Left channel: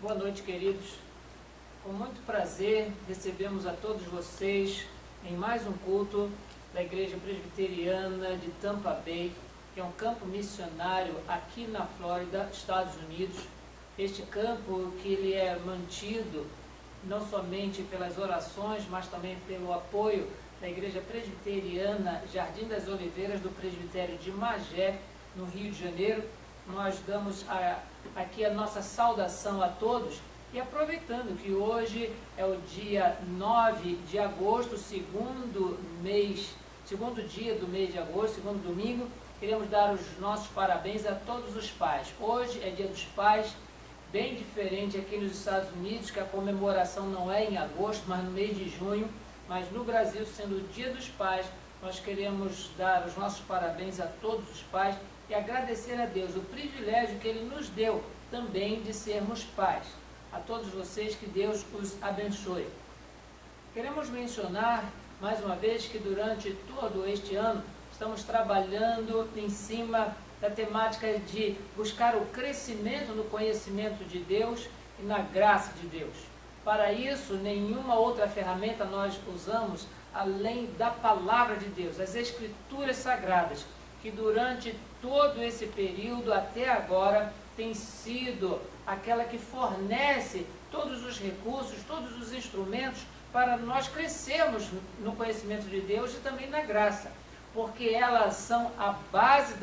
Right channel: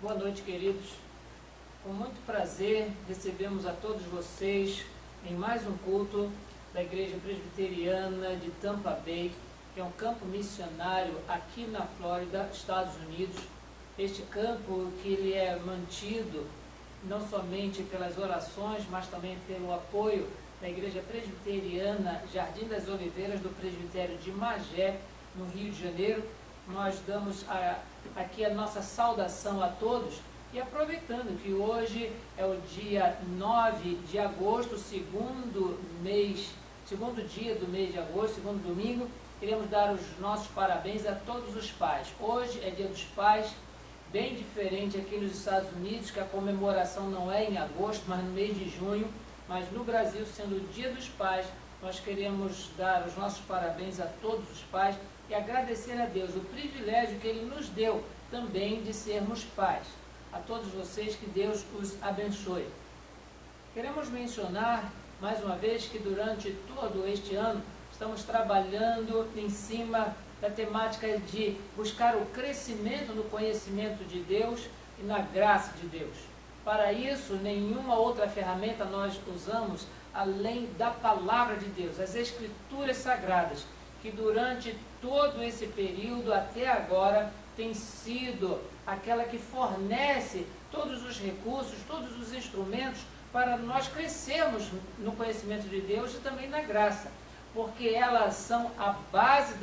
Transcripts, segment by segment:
Boa noite, queridos. Com muito prazer, recebemos a todos vocês em mais um culto da Igreja Presbiteriana de Tampa Bay, que é um campo missionário aqui na Flórida, Estados Unidos. Este campo que ele é mantido não somente pelas orações, mas também pelo apoio da Igreja Presbiteriana Jardim das Oliveiras do Presbitério de Magé, no Rio de Janeiro. Nós damos aqui a nossa saudação a todos e aproveitando que hoje é o dia 9 de agosto, segundo dia do mês de agosto, segundo domingo, queremos dar os nossos parabéns a todos os pais. Hoje é dia dos pais, bem diferente aqui nos Estados Unidos, que a comemoração não é em agosto, mas no mês de junho, mas no Brasil, sendo o dia dos pais, nós queremos dar os nossos parabéns a todos os pais e agradecer a Deus o privilégio que Ele nos deu também de sermos pais. A todos vocês, que Deus os abençoe. Queremos mencionar, mais uma vez, que durante todo este ano estamos trabalhando em cima da temática de buscar o crescimento no conhecimento de Deus e na graça de Deus. Para isso, nenhuma outra ferramenta nós usamos além da palavra de Deus, as Escrituras Sagradas, que durante todo esse período até agora tem sido aquela que fornece todos os recursos, todos os instrumentos para nós crescermos no conhecimento de Deus e também na graça, porque elas são a base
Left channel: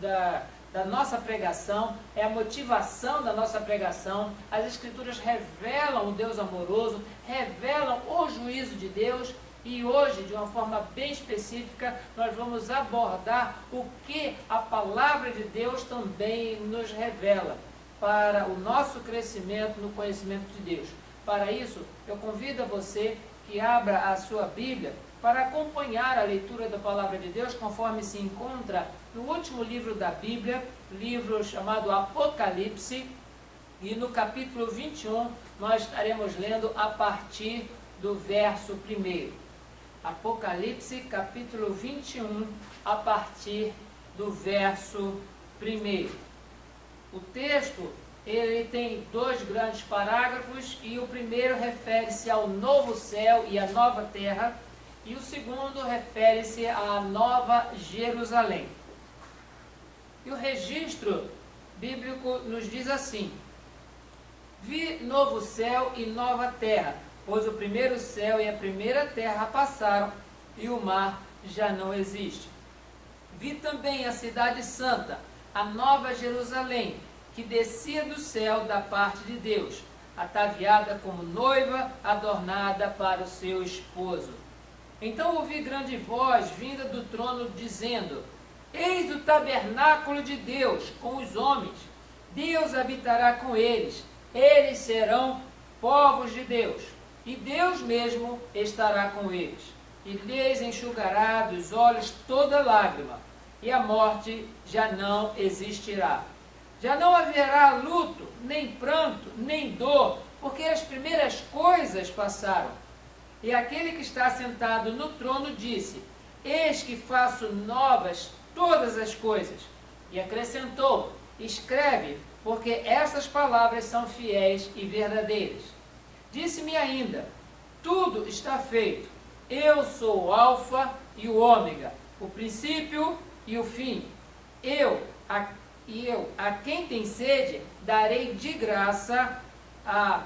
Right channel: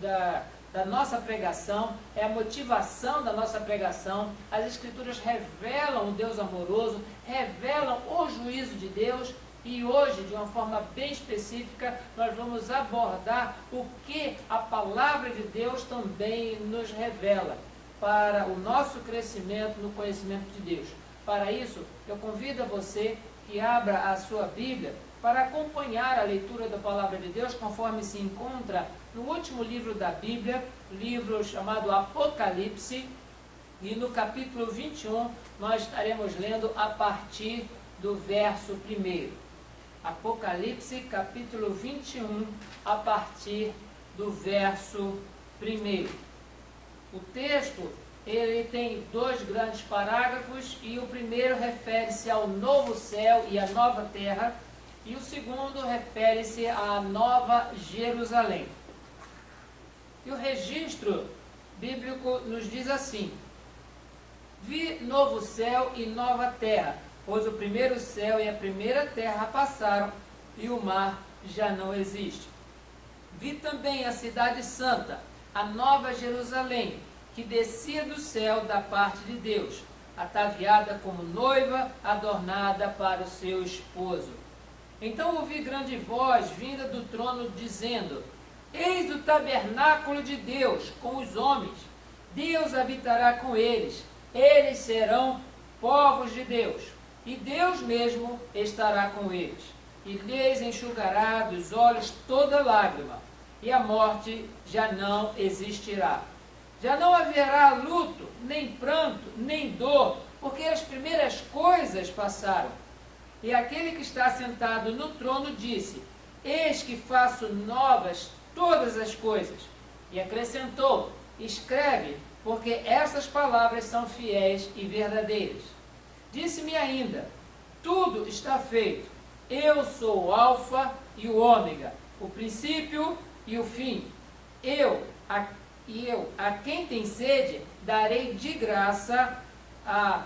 da nossa pregação, é a motivação da nossa pregação. As Escrituras revelam o Deus amoroso, revelam o juízo de Deus. E hoje, de uma forma bem específica, nós vamos abordar o que a palavra de Deus também nos revela para o nosso crescimento no conhecimento de Deus. Para isso, eu convido a você que abra a sua Bíblia para acompanhar a leitura da palavra de Deus, conforme se encontra no último livro da Bíblia, livro chamado Apocalipse, e no capítulo 21 nós estaremos lendo a partir do verso 1. Apocalipse, capítulo 21, a partir do verso 1. O texto, ele tem 2 grandes parágrafos, e o primeiro refere-se ao novo céu e à nova terra, e o segundo refere-se à nova Jerusalém. E o registro bíblico nos diz assim: vi novo céu e nova terra, pois o primeiro céu e a primeira terra passaram, e o mar já não existe. Vi também a cidade santa, a nova Jerusalém, que descia do céu da parte de Deus, ataviada como noiva, adornada para o seu esposo. Então ouvi grande voz vinda do trono, dizendo: eis o tabernáculo de Deus com os homens. Deus habitará com eles. Eles serão povos de Deus, e Deus mesmo estará com eles, e lhes enxugará dos olhos toda lágrima, e a morte já não existirá. Já não haverá luto, nem pranto, nem dor, porque as primeiras coisas passaram. E aquele que está sentado no trono disse: eis que faço novas todas as coisas. E acrescentou: escreve, porque estas palavras são fiéis e verdadeiras. Disse-me ainda: tudo está feito. Eu sou o Alfa e o Ômega, o princípio e o fim. Eu, a quem tem sede, darei de graça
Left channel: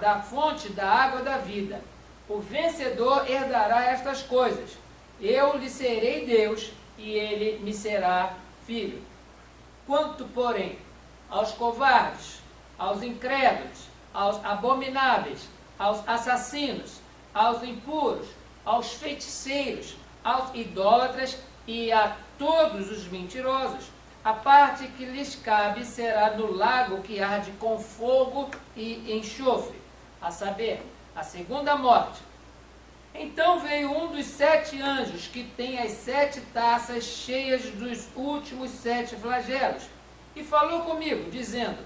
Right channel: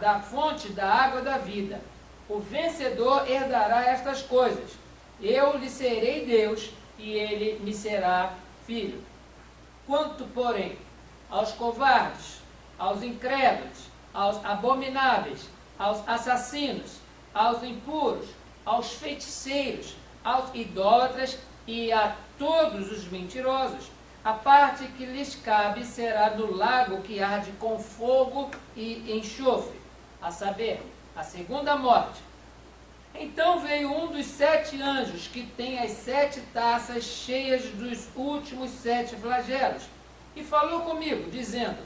da fonte da água da vida. O vencedor herdará estas coisas. Eu lhe serei Deus, e ele me será filho. Quanto, porém, aos covardes, aos incrédulos, aos abomináveis, aos assassinos, aos impuros, aos feiticeiros, aos idólatras e a todos os mentirosos, a parte que lhes cabe será no lago que arde com fogo e enxofre, a saber, a segunda morte. Então veio um dos 7 anjos, que tem as 7 taças cheias dos últimos 7 flagelos, e falou comigo, dizendo:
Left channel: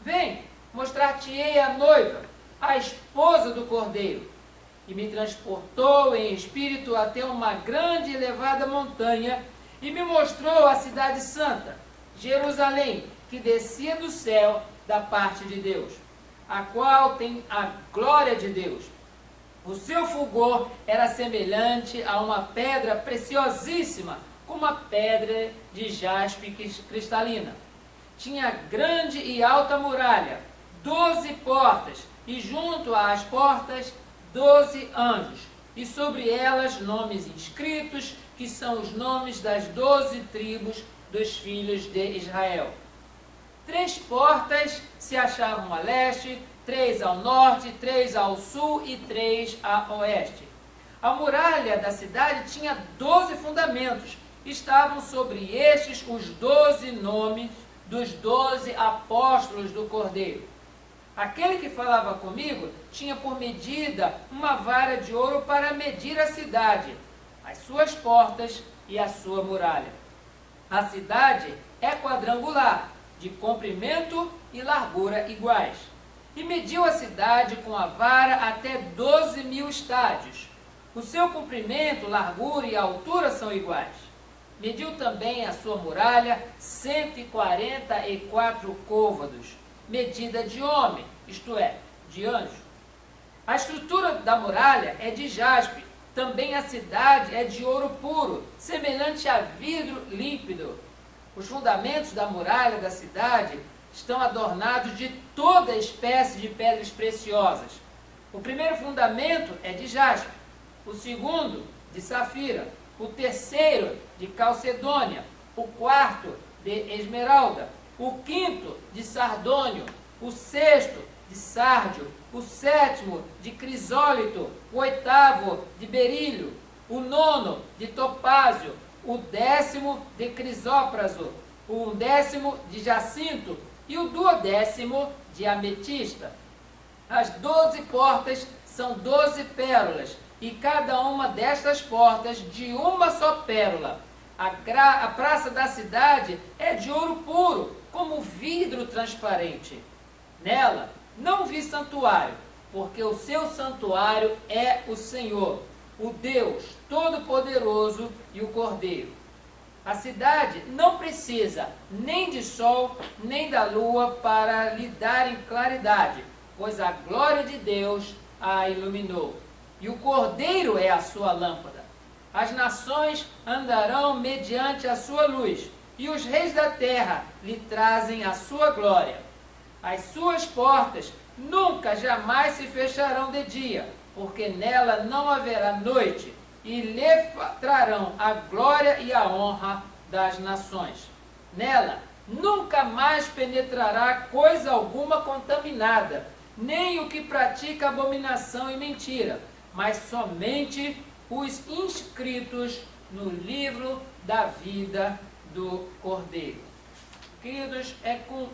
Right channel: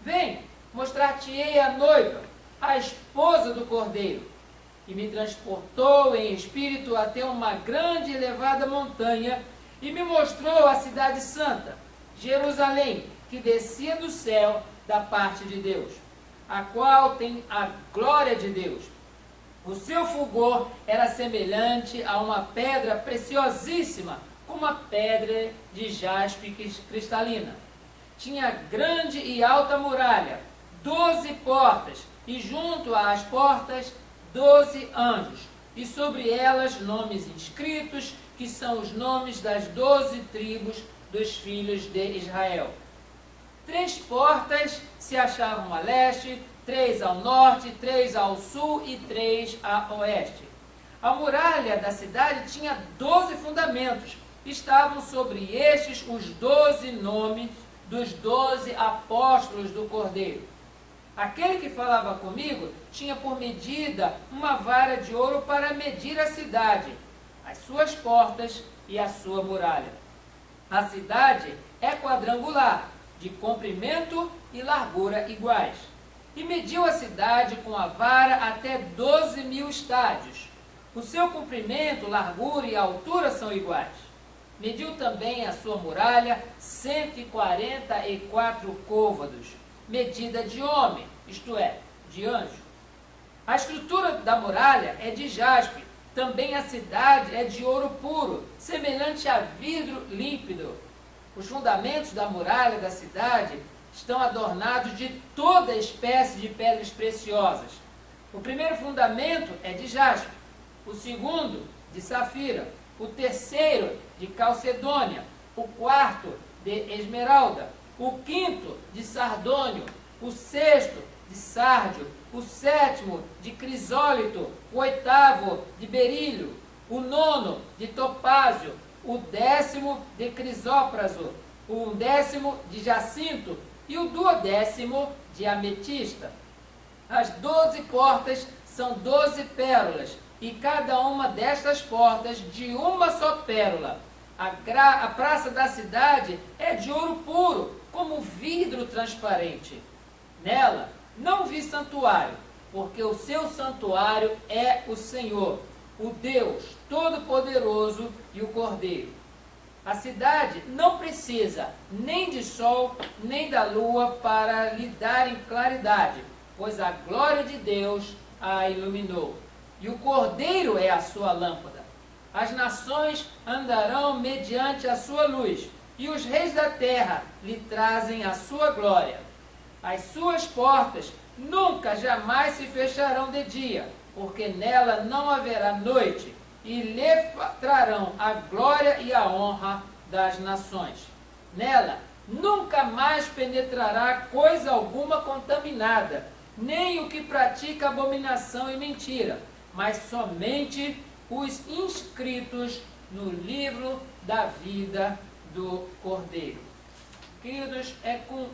vem, mostrar-te-ei a noiva, a esposa do Cordeiro. E me transportou em espírito até uma grande e elevada montanha, e me mostrou a cidade santa, Jerusalém, que descia do céu da parte de Deus, a qual tem a glória de Deus. O seu fulgor era semelhante a uma pedra preciosíssima, como a pedra de jaspe cristalina. Tinha grande e alta muralha, 12 portas, e junto às portas 12 anjos, e sobre elas nomes inscritos, que são os nomes das 12 tribos dos filhos de Israel. 3 portas se achavam a leste, 3 ao norte, 3 ao sul e 3 a oeste. A muralha da cidade tinha 12 fundamentos. Estavam sobre estes os 12 nomes dos 12 apóstolos do Cordeiro. Aquele que falava comigo tinha por medida uma vara de ouro para medir a cidade, as suas portas e a sua muralha. A cidade é quadrangular, de comprimento e largura iguais. E mediu a cidade com a vara até 12.000 estádios. O seu comprimento, largura e altura são iguais. Mediu também a sua muralha 144 côvados, medida de homem, isto é, de anjo. A estrutura da muralha é de jaspe, também a cidade é de ouro puro, semelhante a vidro límpido. Os fundamentos da muralha da cidade estão adornados de toda espécie de pedras preciosas. O primeiro fundamento é de jaspe, o segundo de safira, o terceiro de calcedônia, o quarto de esmeralda, o quinto de sardônio, o sexto de sárdio, o sétimo de crisólito, o oitavo de berílio, o nono de topázio, o 10º de crisópraso, o 11º de jacinto e o 12º de ametista. As 12 portas são 12 pérolas, e cada uma destas portas de uma só pérola. A praça da cidade é de ouro puro, como vidro transparente. Nela não vi santuário, porque o seu santuário é o Senhor, o Deus Todo-Poderoso e o Cordeiro. A cidade não precisa nem de sol, nem da lua para lhe darem claridade, pois a glória de Deus a iluminou. E o Cordeiro é a sua lâmpada. As nações andarão mediante a sua luz, e os reis da terra lhe trazem a sua glória. As suas portas nunca jamais se fecharão de dia, porque nela não haverá noite, e lhe trarão a glória e a honra das nações. Nela nunca mais penetrará coisa alguma contaminada, nem o que pratica abominação e mentira, mas somente os inscritos no livro da vida do Cordeiro. Queridos, é com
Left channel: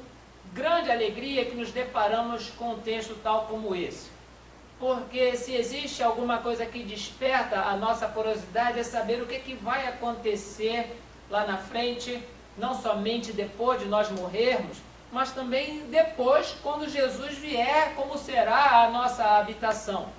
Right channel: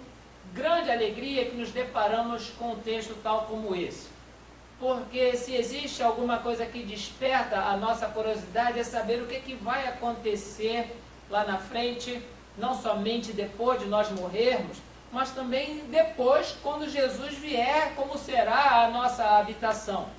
grande alegria que nos deparamos com um texto tal como esse. Porque se existe alguma coisa que desperta a nossa curiosidade é saber o que vai acontecer lá na frente, não somente depois de nós morrermos, mas também depois, quando Jesus vier, como será a nossa habitação.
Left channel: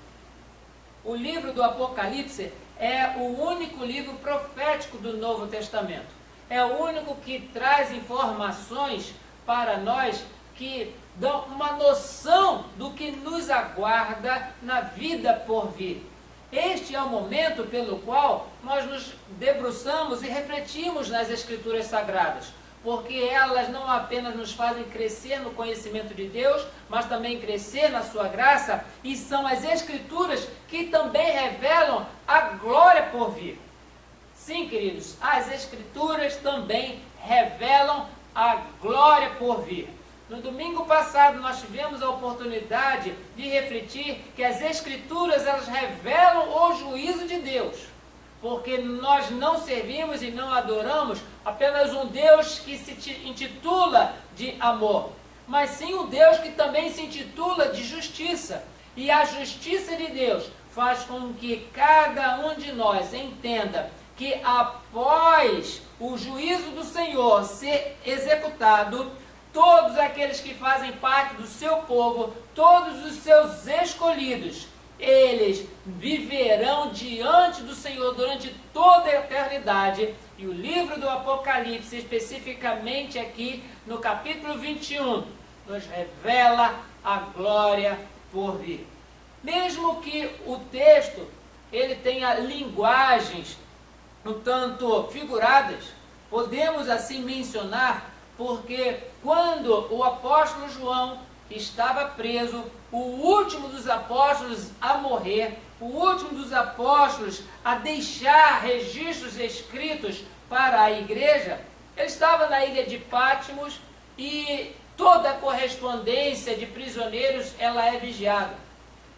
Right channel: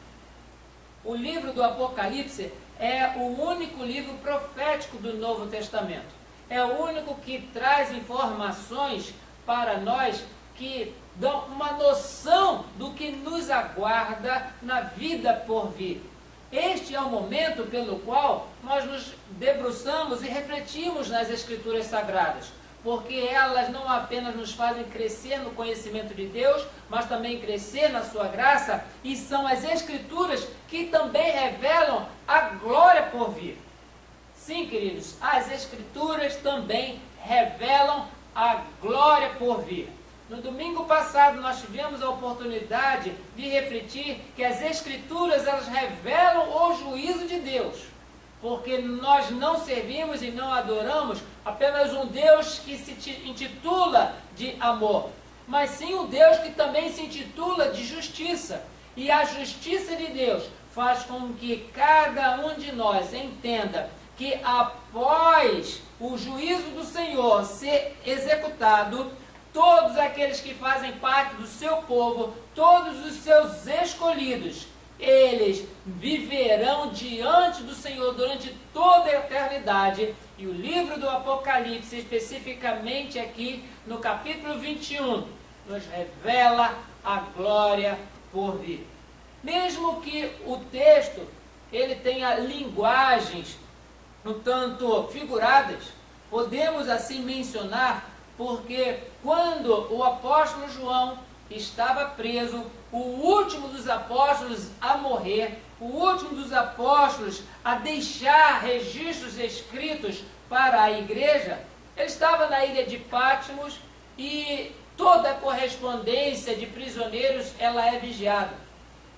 O livro do Apocalipse é o único livro profético do Novo Testamento. É o único que traz informações para nós que dão uma noção do que nos aguarda na vida por vir. Este é o momento pelo qual nós nos debruçamos e refletimos nas Escrituras Sagradas, porque elas não apenas nos fazem crescer no conhecimento de Deus, mas também crescer na sua graça, e são as Escrituras que também revelam a glória por vir. Sim, queridos, as Escrituras também revelam a glória por vir. No domingo passado nós tivemos a oportunidade de refletir que as Escrituras elas revelam o juízo de Deus, porque nós não servimos e não adoramos apenas um Deus que se intitula de amor, mas sim um Deus que também se intitula de justiça. E a justiça de Deus faz com que cada um de nós entenda que após o juízo do Senhor ser executado, todos aqueles que fazem parte do seu povo, todos os seus escolhidos, eles viverão diante do Senhor durante toda a eternidade. E o livro do Apocalipse, especificamente aqui no capítulo 21, nos revela a glória por vir. Mesmo que o texto ele tenha linguagens um tanto figuradas, podemos assim mencionar, porque quando o apóstolo João estava preso, o último dos apóstolos a morrer, o último dos apóstolos a deixar registros escritos para a igreja, ele estava na ilha de Patmos e toda a correspondência de prisioneiros ela é vigiada.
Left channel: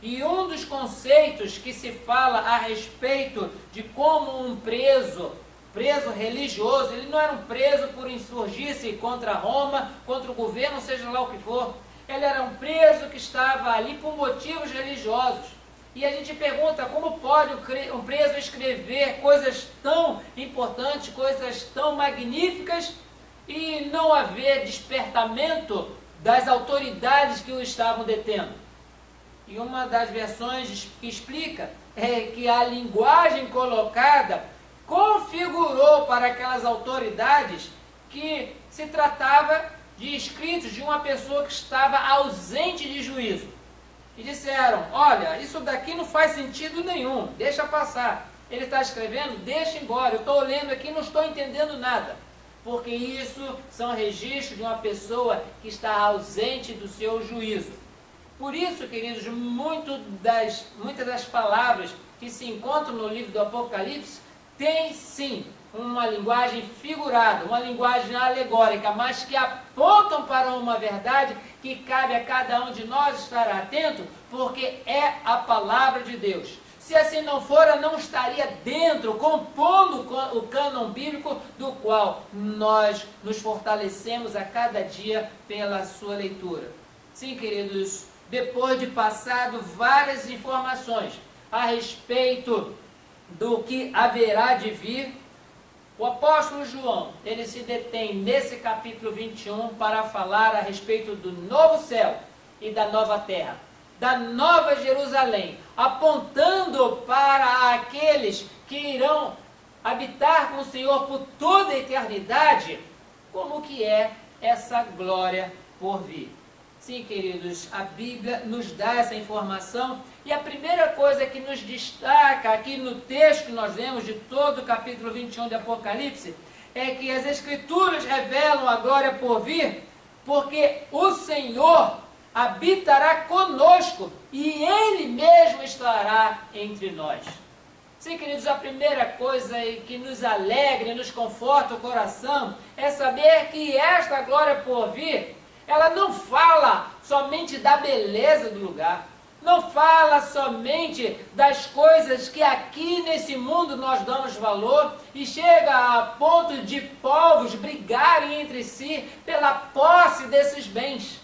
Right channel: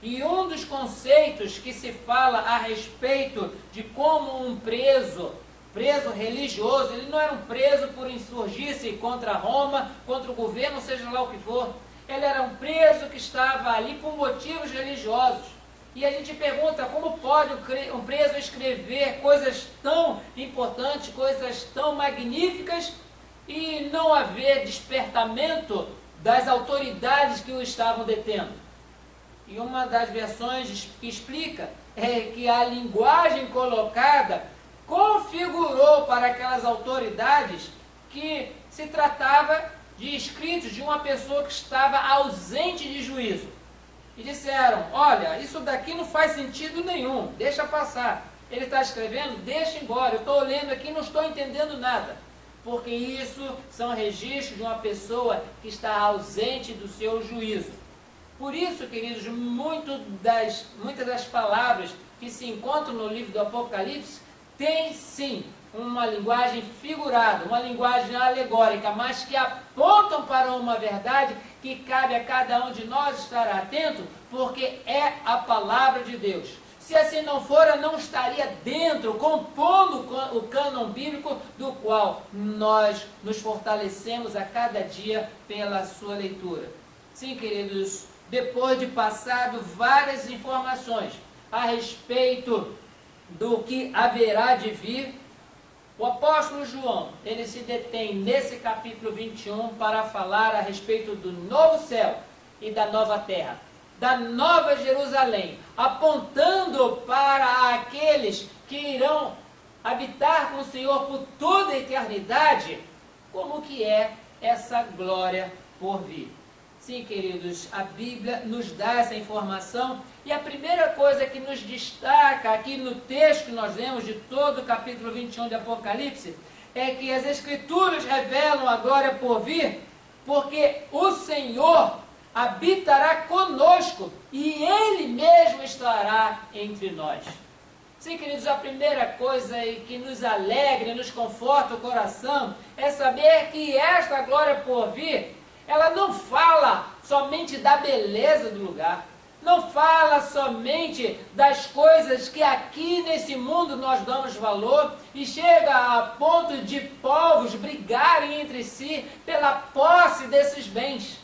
E um dos conceitos que se fala a respeito de como um preso religioso, ele não era um preso por insurgir-se contra Roma, contra o governo, seja lá o que for. Ele era um preso que estava ali por motivos religiosos. E a gente pergunta como pode um preso escrever coisas tão importantes, coisas tão magníficas e não haver despertamento das autoridades que o estavam detendo. E uma das versões que explica é que a linguagem colocada configurou para aquelas autoridades que se tratava de escritos de uma pessoa que estava ausente de juízo. E disseram, olha, isso daqui não faz sentido nenhum, deixa passar. Ele está escrevendo, deixa embora, eu estou lendo aqui e não estou entendendo nada. Porque isso são registros de uma pessoa que está ausente do seu juízo. Por isso, queridos, muitas das palavras que se encontram no livro do Apocalipse tem sim uma linguagem figurada, uma linguagem alegórica, mas que apontam para uma verdade que cabe a cada um de nós estar atento, porque é a palavra de Deus. Se assim não fora, não estaria dentro, compondo o cânon bíblico, do qual nós nos fortalecemos a cada dia pela sua leitura. Sim, queridos, depois de passado várias informações a respeito do que haverá de vir, o apóstolo João, ele se detém nesse capítulo 21 para falar a respeito do novo céu e da nova terra, da nova Jerusalém, apontando para aqueles que irão habitar com o Senhor por toda a eternidade, como que é essa glória por vir. Sim, queridos, a Bíblia nos dá essa informação e a primeira coisa que nos destaca aqui no texto que nós lemos de todo o capítulo 21 de Apocalipse é que as Escrituras revelam a glória por vir, porque o Senhor habitará conosco e Ele mesmo estará entre nós. Sim, queridos, a primeira coisa que nos alegra e nos conforta o coração é saber que esta glória por vir, ela não fala somente da beleza do lugar, não fala somente das coisas que aqui nesse mundo nós damos valor e chega a ponto de povos brigarem entre si pela posse desses bens.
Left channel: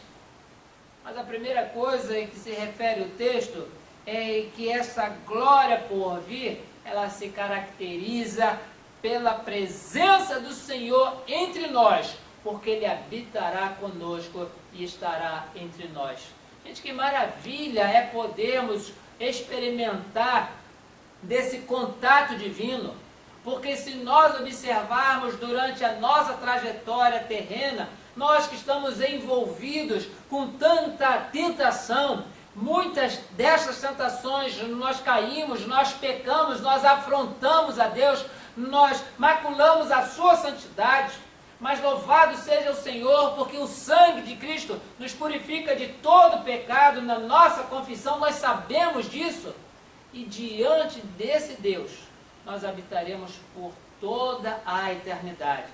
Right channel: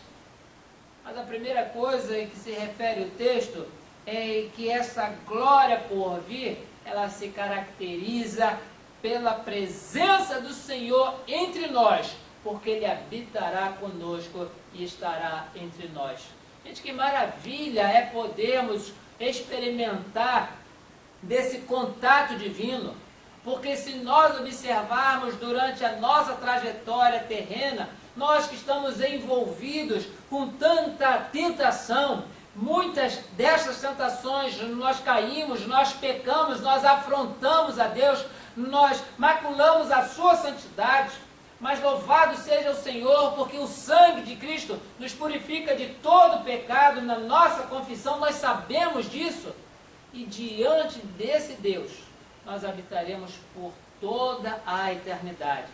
Mas a primeira coisa em que se refere o texto é que essa glória por vir, ela se caracteriza pela presença do Senhor entre nós, porque Ele habitará conosco e estará entre nós. Gente, que maravilha é podermos experimentar desse contato divino, porque se nós observarmos durante a nossa trajetória terrena, nós que estamos envolvidos com tanta tentação, muitas dessas tentações nós caímos, nós pecamos, nós afrontamos a Deus, nós maculamos a sua santidade. Mas louvado seja o Senhor, porque o sangue de Cristo nos purifica de todo pecado. Na nossa confissão nós sabemos disso. E diante desse Deus, nós habitaremos por toda a eternidade.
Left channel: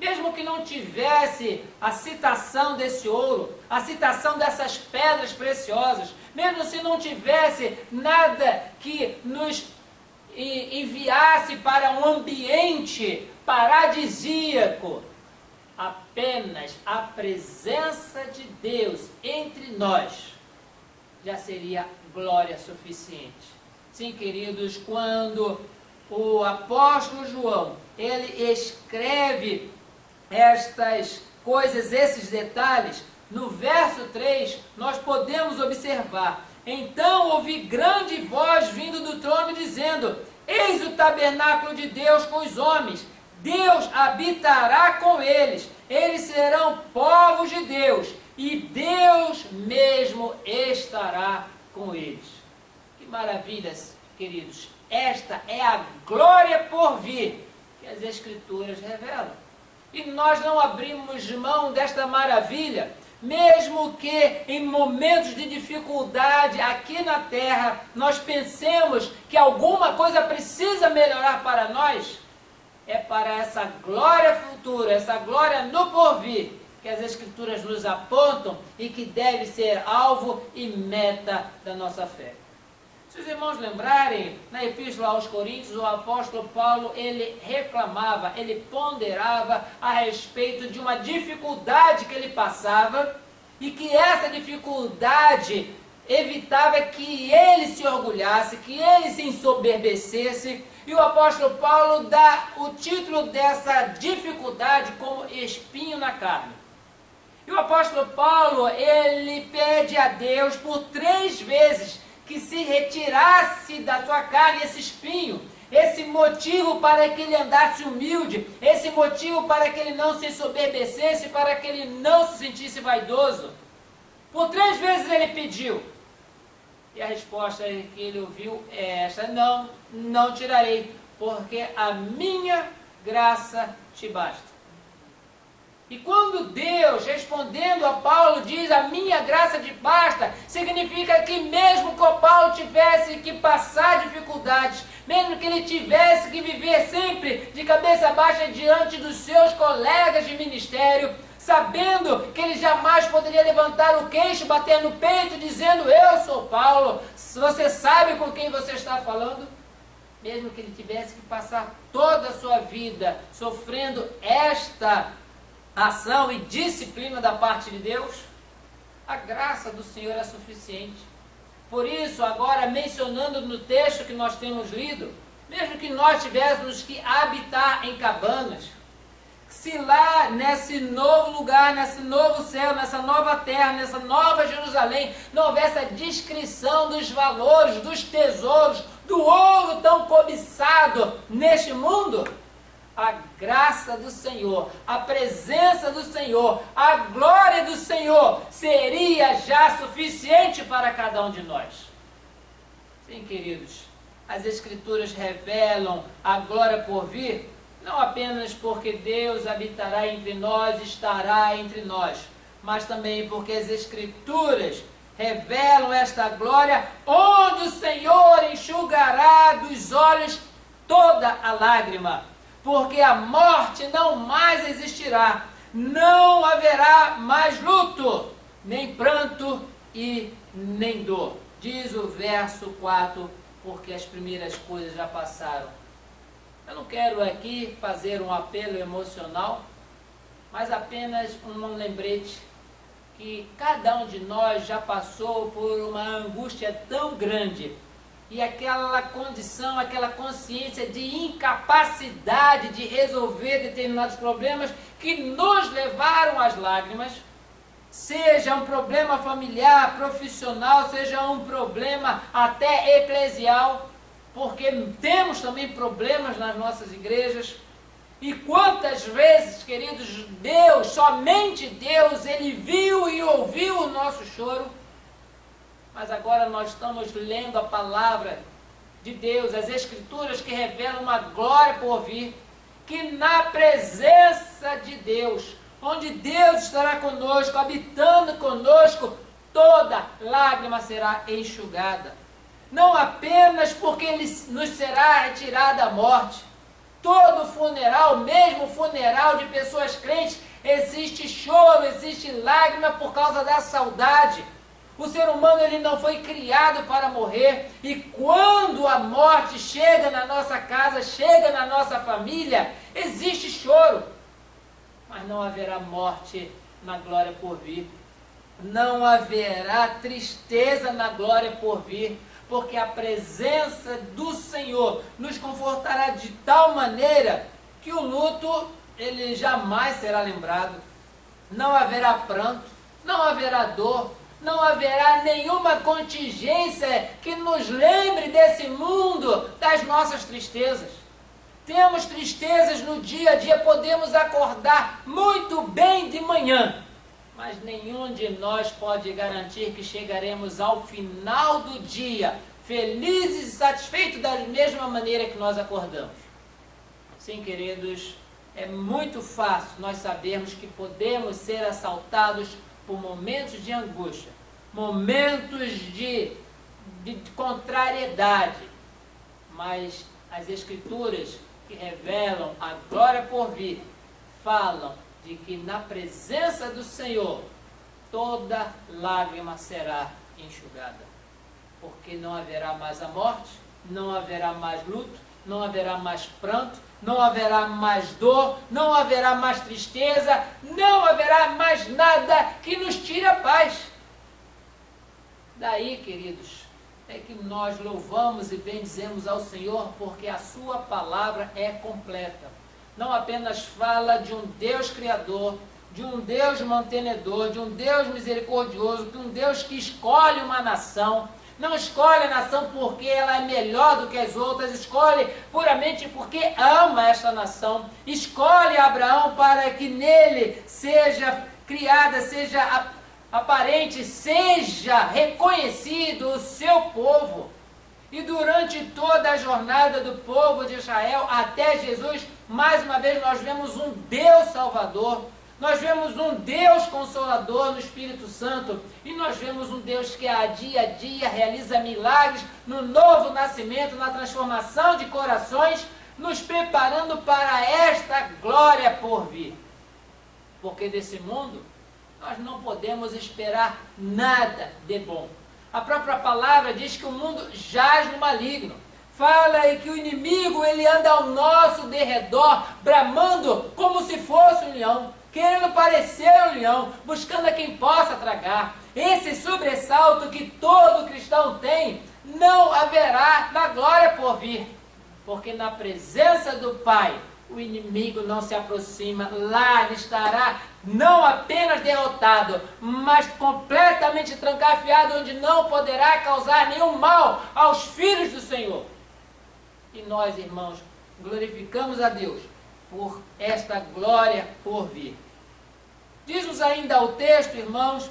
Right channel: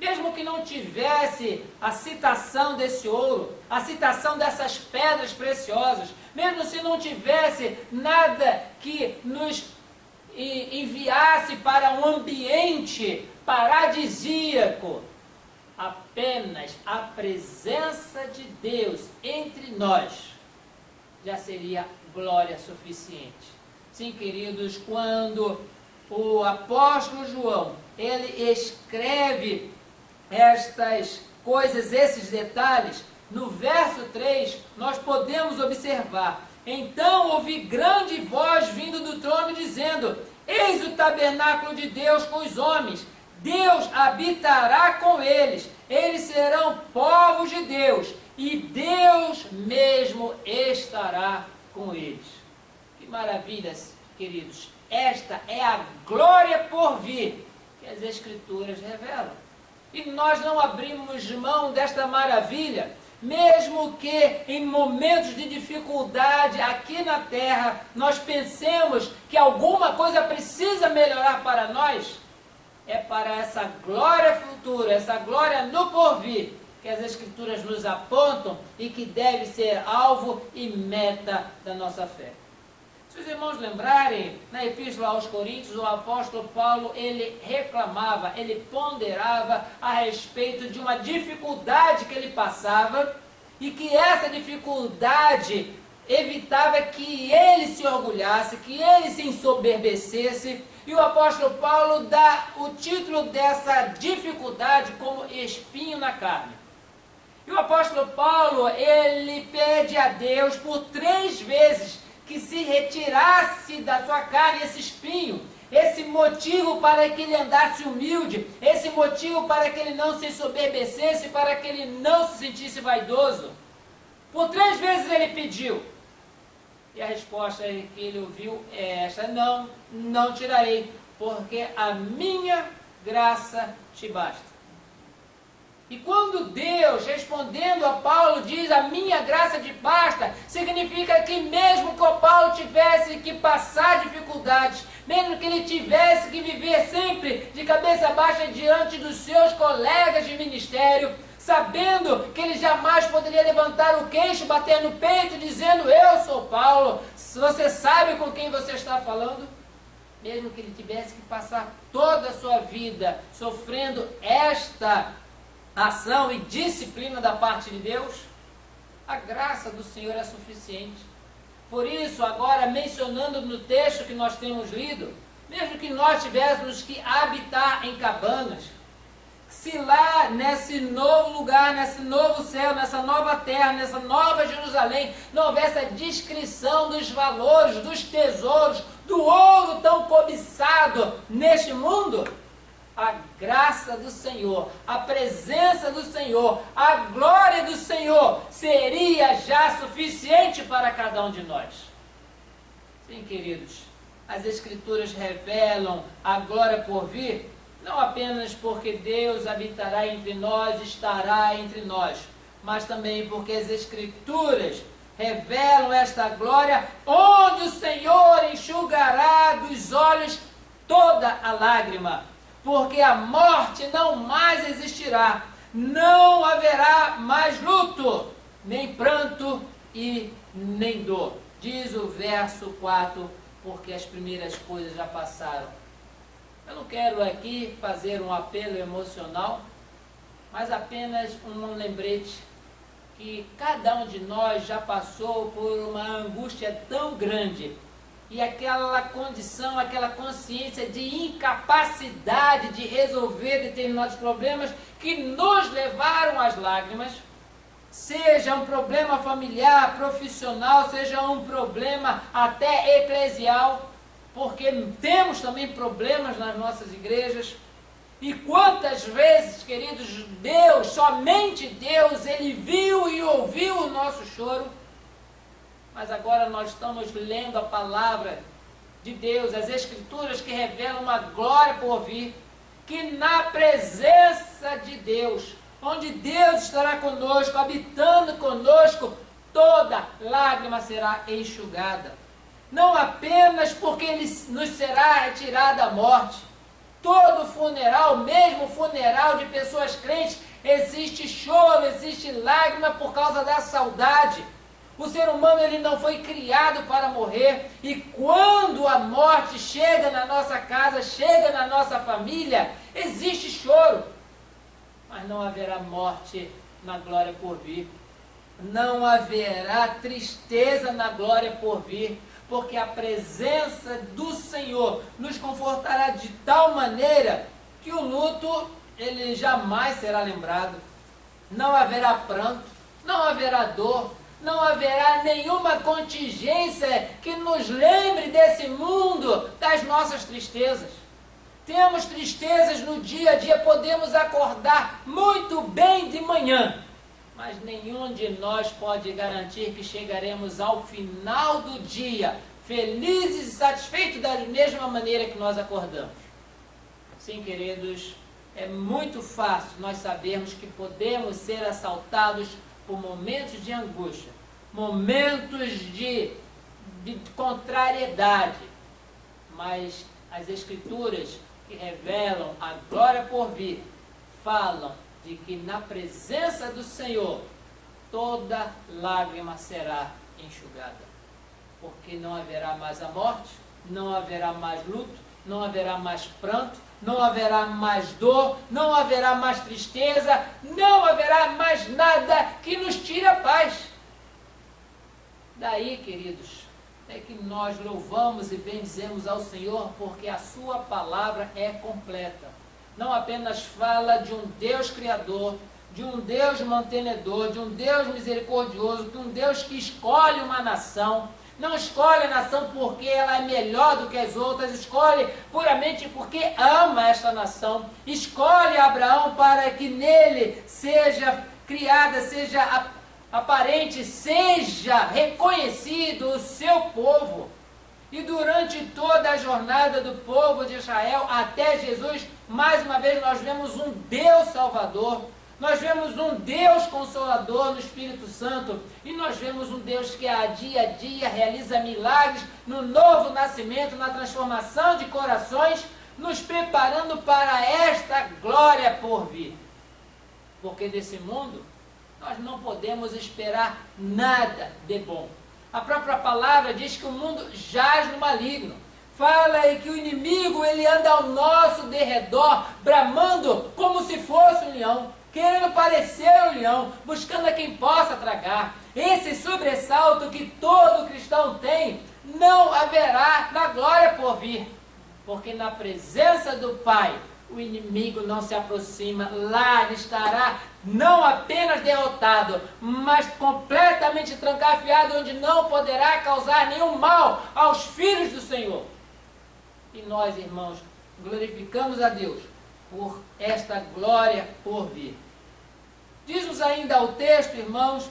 Mesmo que não tivesse a citação desse ouro, a citação dessas pedras preciosas, mesmo se não tivesse nada que nos enviasse para um ambiente paradisíaco, apenas a presença de Deus entre nós já seria glória suficiente. Sim, queridos, quando o apóstolo João, ele escreve estas coisas, esses detalhes, no verso 3, nós podemos observar: então ouvi grande voz vindo do trono dizendo: eis o tabernáculo de Deus com os homens, Deus habitará com eles, eles serão povos de Deus, e Deus mesmo mesmo estará com eles. Que maravilhas, queridos! Esta é a glória por vir que as Escrituras revelam. E nós não abrimos mão desta maravilha, mesmo que em momentos de dificuldade aqui na terra, nós pensemos que alguma coisa precisa melhorar para nós. É para essa glória futura, essa glória no porvir, que as Escrituras nos apontam e que deve ser alvo e meta da nossa fé. Se os irmãos lembrarem, na Epístola aos Coríntios, o apóstolo Paulo, ele reclamava, ele ponderava a respeito de uma dificuldade que ele passava e que essa dificuldade evitava que ele se orgulhasse, que ele se ensoberbecesse. E o apóstolo Paulo dá o título dessa dificuldade como espinho na carne. E o apóstolo Paulo, ele pede a Deus por 3 vezes que se retirasse da sua carne esse espinho, esse motivo para que ele andasse humilde, esse motivo para que ele não se ensoberbecesse, para que ele não se sentisse vaidoso. Por 3 vezes ele pediu. E a resposta que ele ouviu é esta: não tirarei, porque a minha graça te basta. E quando Deus, respondendo a Paulo, diz a minha graça te basta, significa que mesmo que o Paulo tivesse que passar dificuldades, mesmo que ele tivesse que viver sempre de cabeça baixa diante dos seus colegas de ministério, sabendo que ele jamais poderia levantar o queixo, bater no peito, dizendo: eu sou Paulo, você sabe com quem você está falando? Mesmo que ele tivesse que passar toda a sua vida sofrendo esta ação e disciplina da parte de Deus, a graça do Senhor é suficiente. Por isso, agora mencionando no texto que nós temos lido, mesmo que nós tivéssemos que habitar em cabanas, se lá nesse novo lugar, nesse novo céu, nessa nova terra, nessa nova Jerusalém, não houvesse a descrição dos valores, dos tesouros, do ouro tão cobiçado neste mundo, a graça do Senhor, a presença do Senhor, a glória do Senhor seria já suficiente para cada um de nós. Sim, queridos, as Escrituras revelam a glória por vir, não apenas porque Deus habitará entre nós, estará entre nós, mas também porque as Escrituras revelam esta glória, onde o Senhor enxugará dos olhos toda a lágrima. Porque a morte não mais existirá, não haverá mais luto, nem pranto e nem dor. Diz o verso 4, porque as primeiras coisas já passaram. Eu não quero aqui fazer um apelo emocional, mas apenas um lembrete que cada um de nós já passou por uma angústia tão grande, e aquela condição, aquela consciência de incapacidade de resolver determinados problemas que nos levaram às lágrimas, seja um problema familiar, profissional, seja um problema até eclesial, porque temos também problemas nas nossas igrejas. E quantas vezes, queridos, Deus, somente Deus, Ele viu e ouviu o nosso choro. Mas agora nós estamos lendo a palavra de Deus, as Escrituras que revelam uma glória por vir, que na presença de Deus, onde Deus estará conosco, habitando conosco, toda lágrima será enxugada. Não apenas porque nos será retirada a morte. Todo funeral, mesmo funeral de pessoas crentes, existe choro, existe lágrima por causa da saudade. O ser humano, ele não foi criado para morrer, e quando a morte chega na nossa casa, chega na nossa família, existe choro, mas não haverá morte na glória por vir, não haverá tristeza na glória por vir, porque a presença do Senhor nos confortará de tal maneira que o luto, ele jamais será lembrado, não haverá pranto, não haverá dor, não haverá nenhuma contingência que nos lembre desse mundo, das nossas tristezas. Temos tristezas no dia a dia, podemos acordar muito bem de manhã mas nenhum de nós pode garantir que chegaremos ao final do dia felizes e satisfeitos da mesma maneira que nós acordamos. Sim, queridos, é muito fácil nós sabermos que podemos ser assaltados por momentos de angústia, momentos de contrariedade, mas as Escrituras que revelam a glória por vir falam de que na presença do Senhor toda lágrima será enxugada, porque não haverá mais a morte, não haverá mais luto, não haverá mais pranto, não haverá mais dor, não haverá mais tristeza, não haverá mais nada que nos tire a paz. Daí, queridos, é que nós louvamos e bendizemos ao Senhor, porque a sua palavra é completa. Não apenas fala de um Deus criador, de um Deus mantenedor, de um Deus misericordioso, de um Deus que escolhe uma nação. Não escolhe a nação porque ela é melhor do que as outras, escolhe puramente porque ama esta nação. Escolhe Abraão para que nele seja criada, seja aparente, seja reconhecido o seu povo. E durante toda a jornada do povo de Israel até Jesus, mais uma vez nós vemos um Deus Salvador, nós vemos um Deus Consolador no Espírito Santo, e nós vemos um Deus que a dia realiza milagres no novo nascimento, na transformação de corações, nos preparando para esta glória por vir. Porque desse mundo nós não podemos esperar nada de bom. A própria palavra diz que o mundo jaz no maligno. Fala aí que o inimigo, ele anda ao nosso derredor, bramando como se fosse um leão, querendo parecer um leão, buscando a quem possa tragar. Esse sobressalto que todo cristão tem, não haverá na glória por vir, porque na presença do Pai, o inimigo não se aproxima. Lá ele estará não apenas derrotado, mas completamente trancafiado, onde não poderá causar nenhum mal aos filhos do Senhor. E nós, irmãos, glorificamos a Deus por esta glória por vir. Diz-nos ainda o texto, irmãos,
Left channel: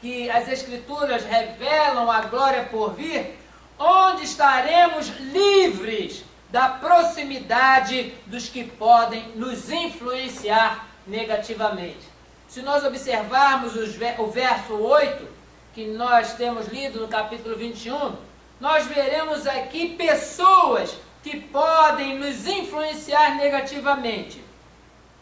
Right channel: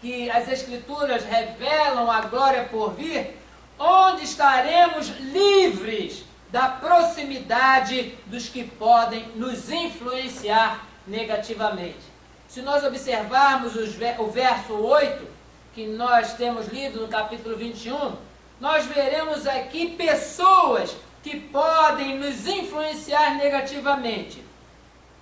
que as Escrituras revelam a glória por vir, onde estaremos livres da proximidade dos que podem nos influenciar negativamente. Se nós observarmos o verso 8, que nós temos lido no capítulo 21, nós veremos aqui pessoas que podem nos influenciar negativamente.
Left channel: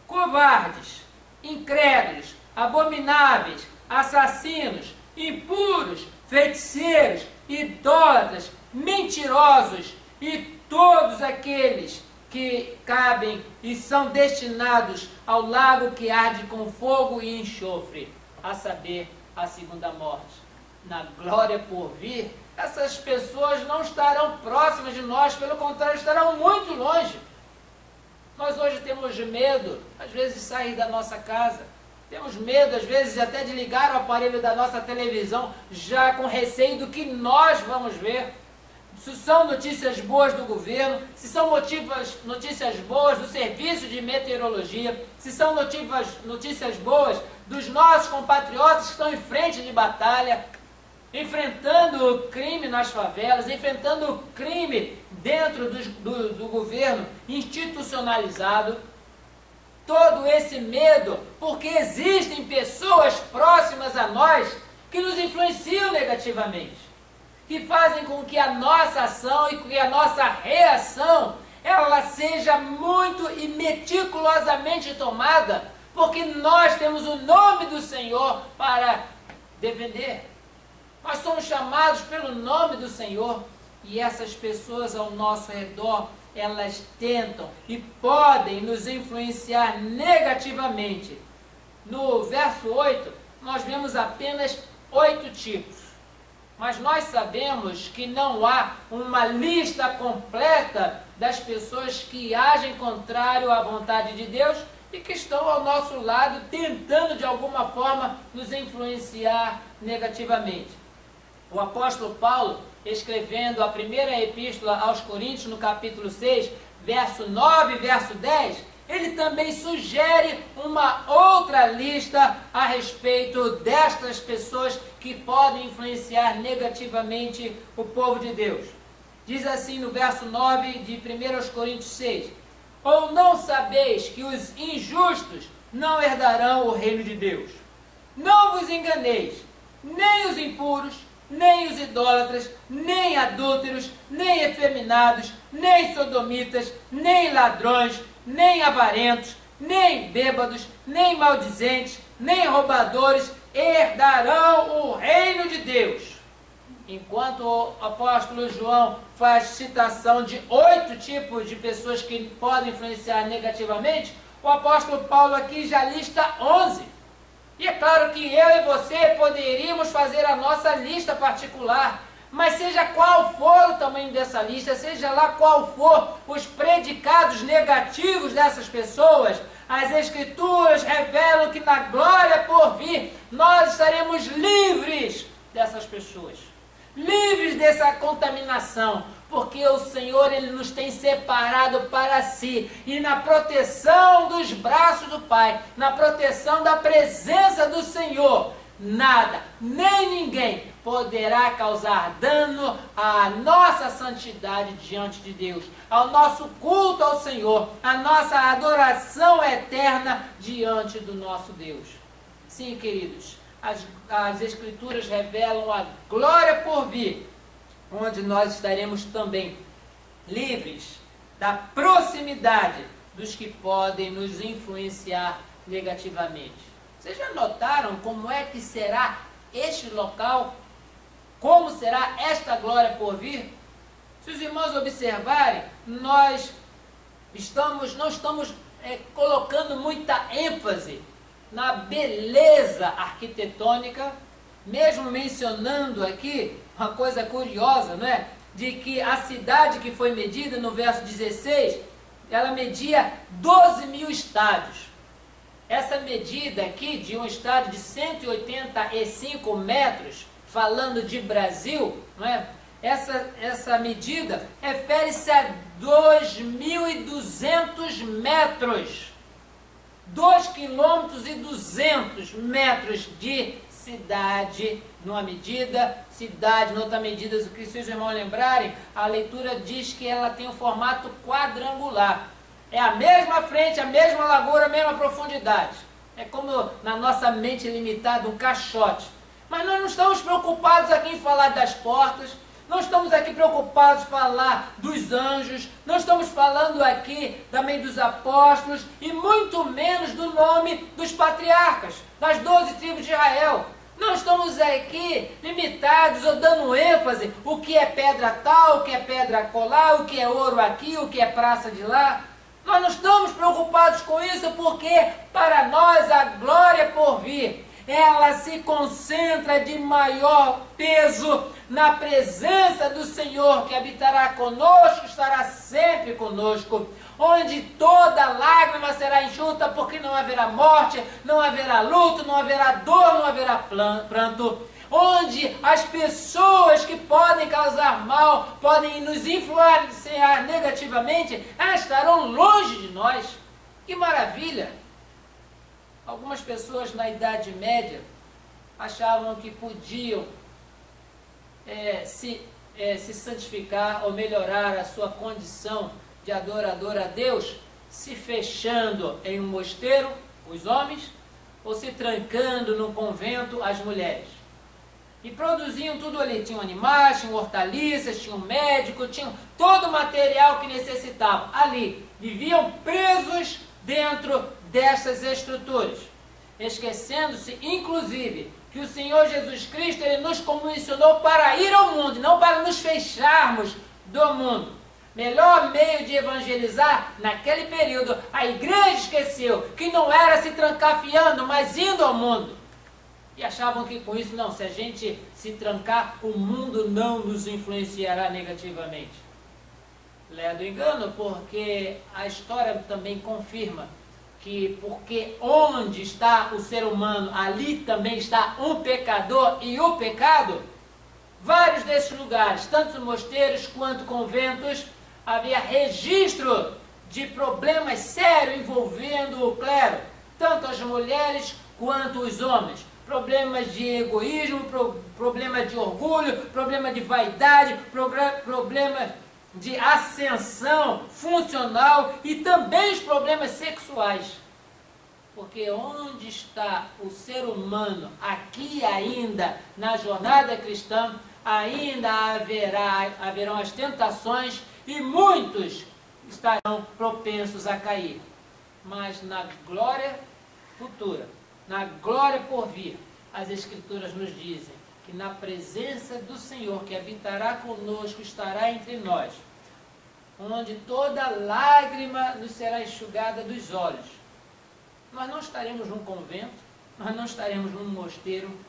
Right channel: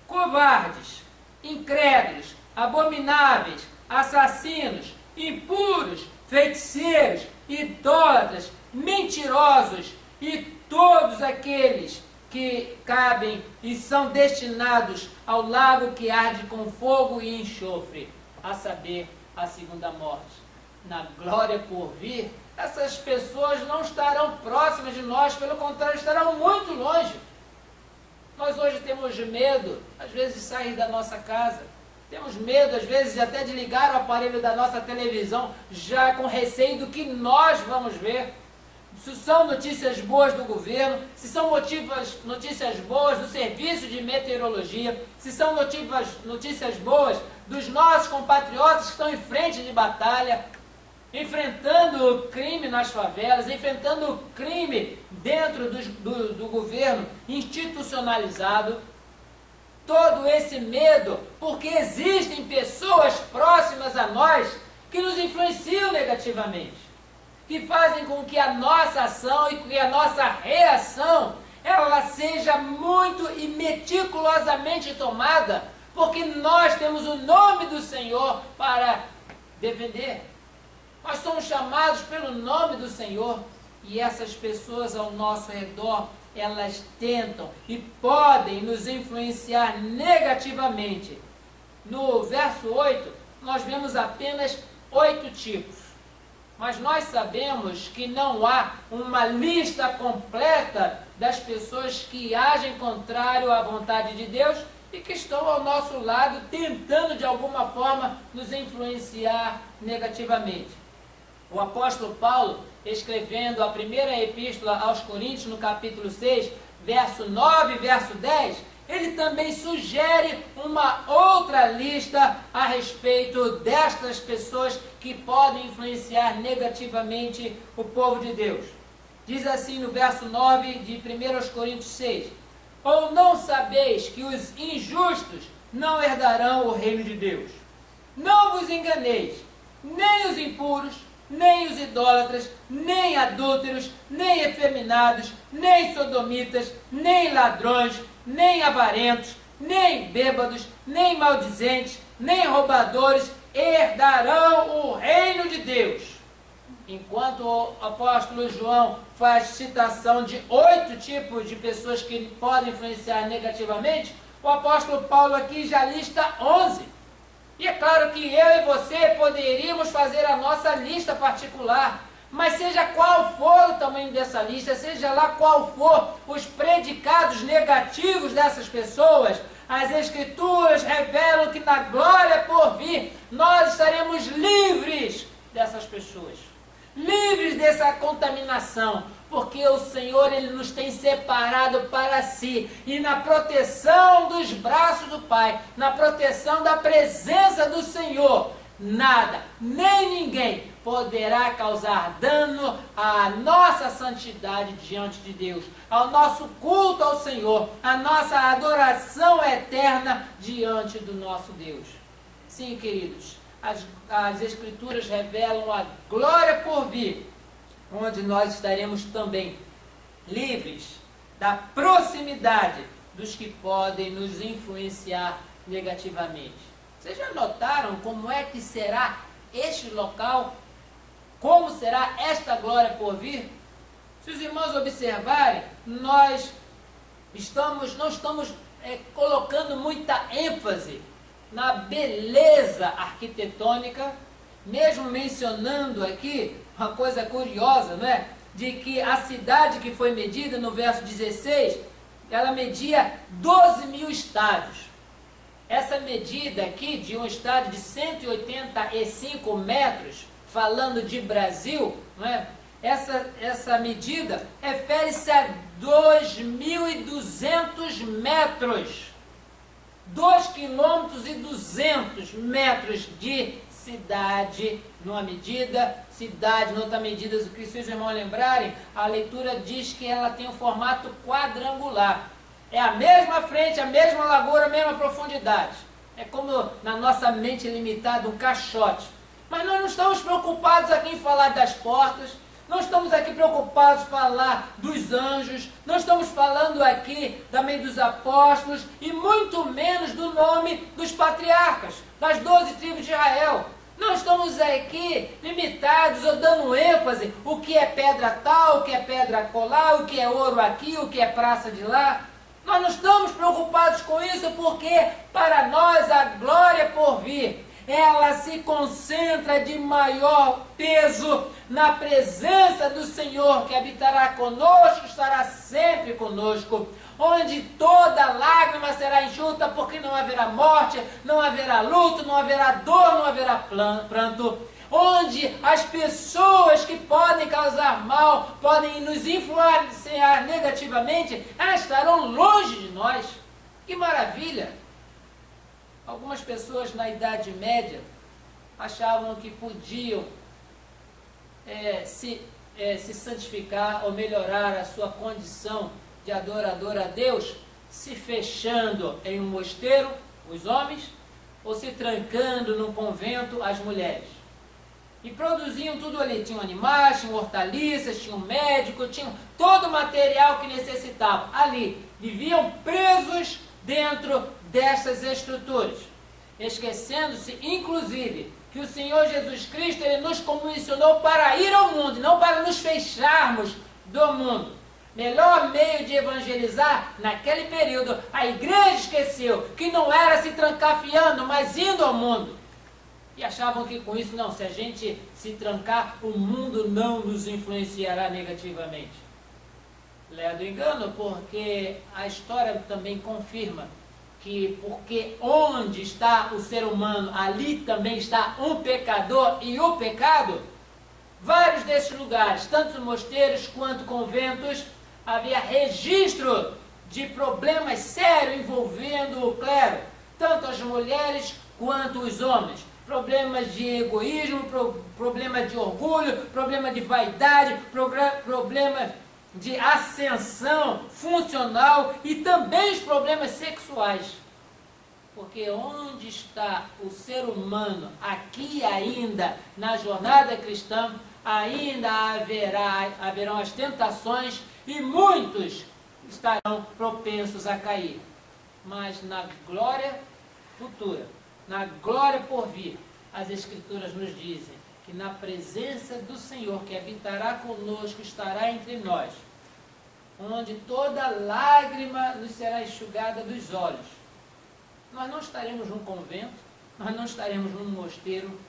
Covardes, incrédulos, abomináveis, assassinos, impuros, feiticeiros, idólatras, mentirosos e todos aqueles que cabem e são destinados ao lago que arde com fogo e enxofre, a saber, a segunda morte. Na glória por vir, essas pessoas não estarão próximas de nós, pelo contrário, estarão muito longe. Nós hoje temos medo, às vezes, de sair da nossa casa. Temos medo, às vezes, até de ligar o aparelho da nossa televisão, já com receio do que nós vamos ver. Se são notícias boas do governo, se são notícias boas do serviço de meteorologia, se são notícias boas dos nossos compatriotas que estão em frente de batalha, enfrentando o crime nas favelas, enfrentando o crime dentro do governo institucionalizado. Todo esse medo, porque existem pessoas próximas a nós que nos influenciam negativamente, que fazem com que a nossa ação e que a nossa reação, ela seja muito e meticulosamente tomada, porque nós temos o nome do Senhor para defender. Nós somos chamados pelo nome do Senhor, e essas pessoas ao nosso redor, elas tentam e podem nos influenciar negativamente. No verso 8, nós vemos apenas 8 tipos. Mas nós sabemos que não há uma lista completa das pessoas que agem contrário à vontade de Deus e que estão ao nosso lado tentando de alguma forma nos influenciar negativamente. O apóstolo Paulo, escrevendo a primeira epístola aos Coríntios, no capítulo 6, verso 9 e verso 10, ele também sugere uma outra lista a respeito destas pessoas que podem influenciar negativamente o povo de Deus. Diz assim no verso 9 de 1 Coríntios 6: ou não sabeis que os injustos não herdarão o reino de Deus? Não vos enganeis, nem os impuros, nem os idólatras, nem adúlteros, nem efeminados, nem sodomitas, nem ladrões, nem avarentos, nem bêbados, nem maldizentes, nem roubadores herdarão o reino de Deus. Enquanto o apóstolo João faz citação de 8 tipos de pessoas que podem influenciar negativamente, o apóstolo Paulo aqui já lista 11. E é claro que eu e você poderíamos fazer a nossa lista particular, mas seja qual for o tamanho dessa lista, seja lá qual for os predicados negativos dessas pessoas, as Escrituras revelam que na glória por vir, nós estaremos livres dessas pessoas, livres dessa contaminação, porque o Senhor, Ele nos tem separado para si, e na proteção dos braços do Pai, na proteção da presença do Senhor, nada, nem ninguém poderá causar dano à nossa santidade diante de Deus, ao nosso culto ao Senhor, à nossa adoração eterna diante do nosso Deus. Sim, queridos, as Escrituras revelam a glória por vir, onde nós estaremos também livres da proximidade dos que podem nos influenciar negativamente. Vocês já notaram como é que será este local? Como será esta glória por vir? Se os irmãos observarem, nós não estamos colocando muita ênfase na beleza arquitetônica, mesmo mencionando aqui uma coisa curiosa, não é? De que a cidade que foi medida no verso 16, ela media 12.000 estádios. Essa medida aqui de um estádio de 185 metros, falando de Brasil, não é? Essa medida refere-se a 2.200 metros. 2,2 km de cidade, numa medida, cidade, noutra medida, o que se os irmãos lembrarem, a leitura diz que ela tem um formato quadrangular. É a mesma frente, a mesma largura, a mesma profundidade. É como na nossa mente limitada, um caixote. Mas nós não estamos preocupados aqui em falar das portas, não estamos aqui preocupados em falar dos anjos, não estamos falando aqui também dos apóstolos e muito menos do nome dos patriarcas, das 12 tribos de Israel. Não estamos aqui limitados ou dando ênfase o que é pedra tal, o que é pedra colar, o que é ouro aqui, o que é praça de lá. Nós não estamos preocupados com isso porque para nós a glória por vir, ela se concentra de maior peso na presença do Senhor, que habitará conosco, estará sempre conosco, onde toda lágrima será enxuta, porque não haverá morte, não haverá luto, não haverá dor, não haverá pranto, onde as pessoas que podem causar mal, podem nos influenciar negativamente, elas estarão longe de nós. Que maravilha! Algumas pessoas na Idade Média achavam que podiam se santificar ou melhorar a sua condição de adorador a Deus, se fechando em um mosteiro, os homens, ou se trancando num convento, as mulheres. E produziam tudo ali, tinham animais, tinham hortaliças, tinham médico, tinham todo o material que necessitavam. Ali, viviam presos dentro dessas estruturas, esquecendo-se, inclusive, que o Senhor Jesus Cristo, Ele nos comissionou para ir ao mundo, não para nos fecharmos do mundo. Melhor meio de evangelizar, naquele período, a igreja esqueceu que não era se trancafiando, mas indo ao mundo. E achavam que com isso, não, se a gente se trancar, o mundo não nos influenciará negativamente. Ledo engano, porque a história também confirma que porque onde está o ser humano, ali também está um pecador e o pecado. Vários desses lugares, tanto mosteiros quanto conventos, havia registro de problemas sérios envolvendo o clero, tanto as mulheres quanto os homens. Problemas de egoísmo, problemas de orgulho, problema de vaidade, problemas de ascensão funcional e também os problemas sexuais. Porque onde está o ser humano aqui ainda na jornada cristã, ainda haverão as tentações e muitos estarão propensos a cair. Mas na glória futura, na glória por vir, as Escrituras nos dizem que na presença do Senhor, que habitará conosco, estará entre nós, onde toda lágrima nos será enxugada dos olhos. Nós não estaremos num convento, nós não estaremos num mosteiro,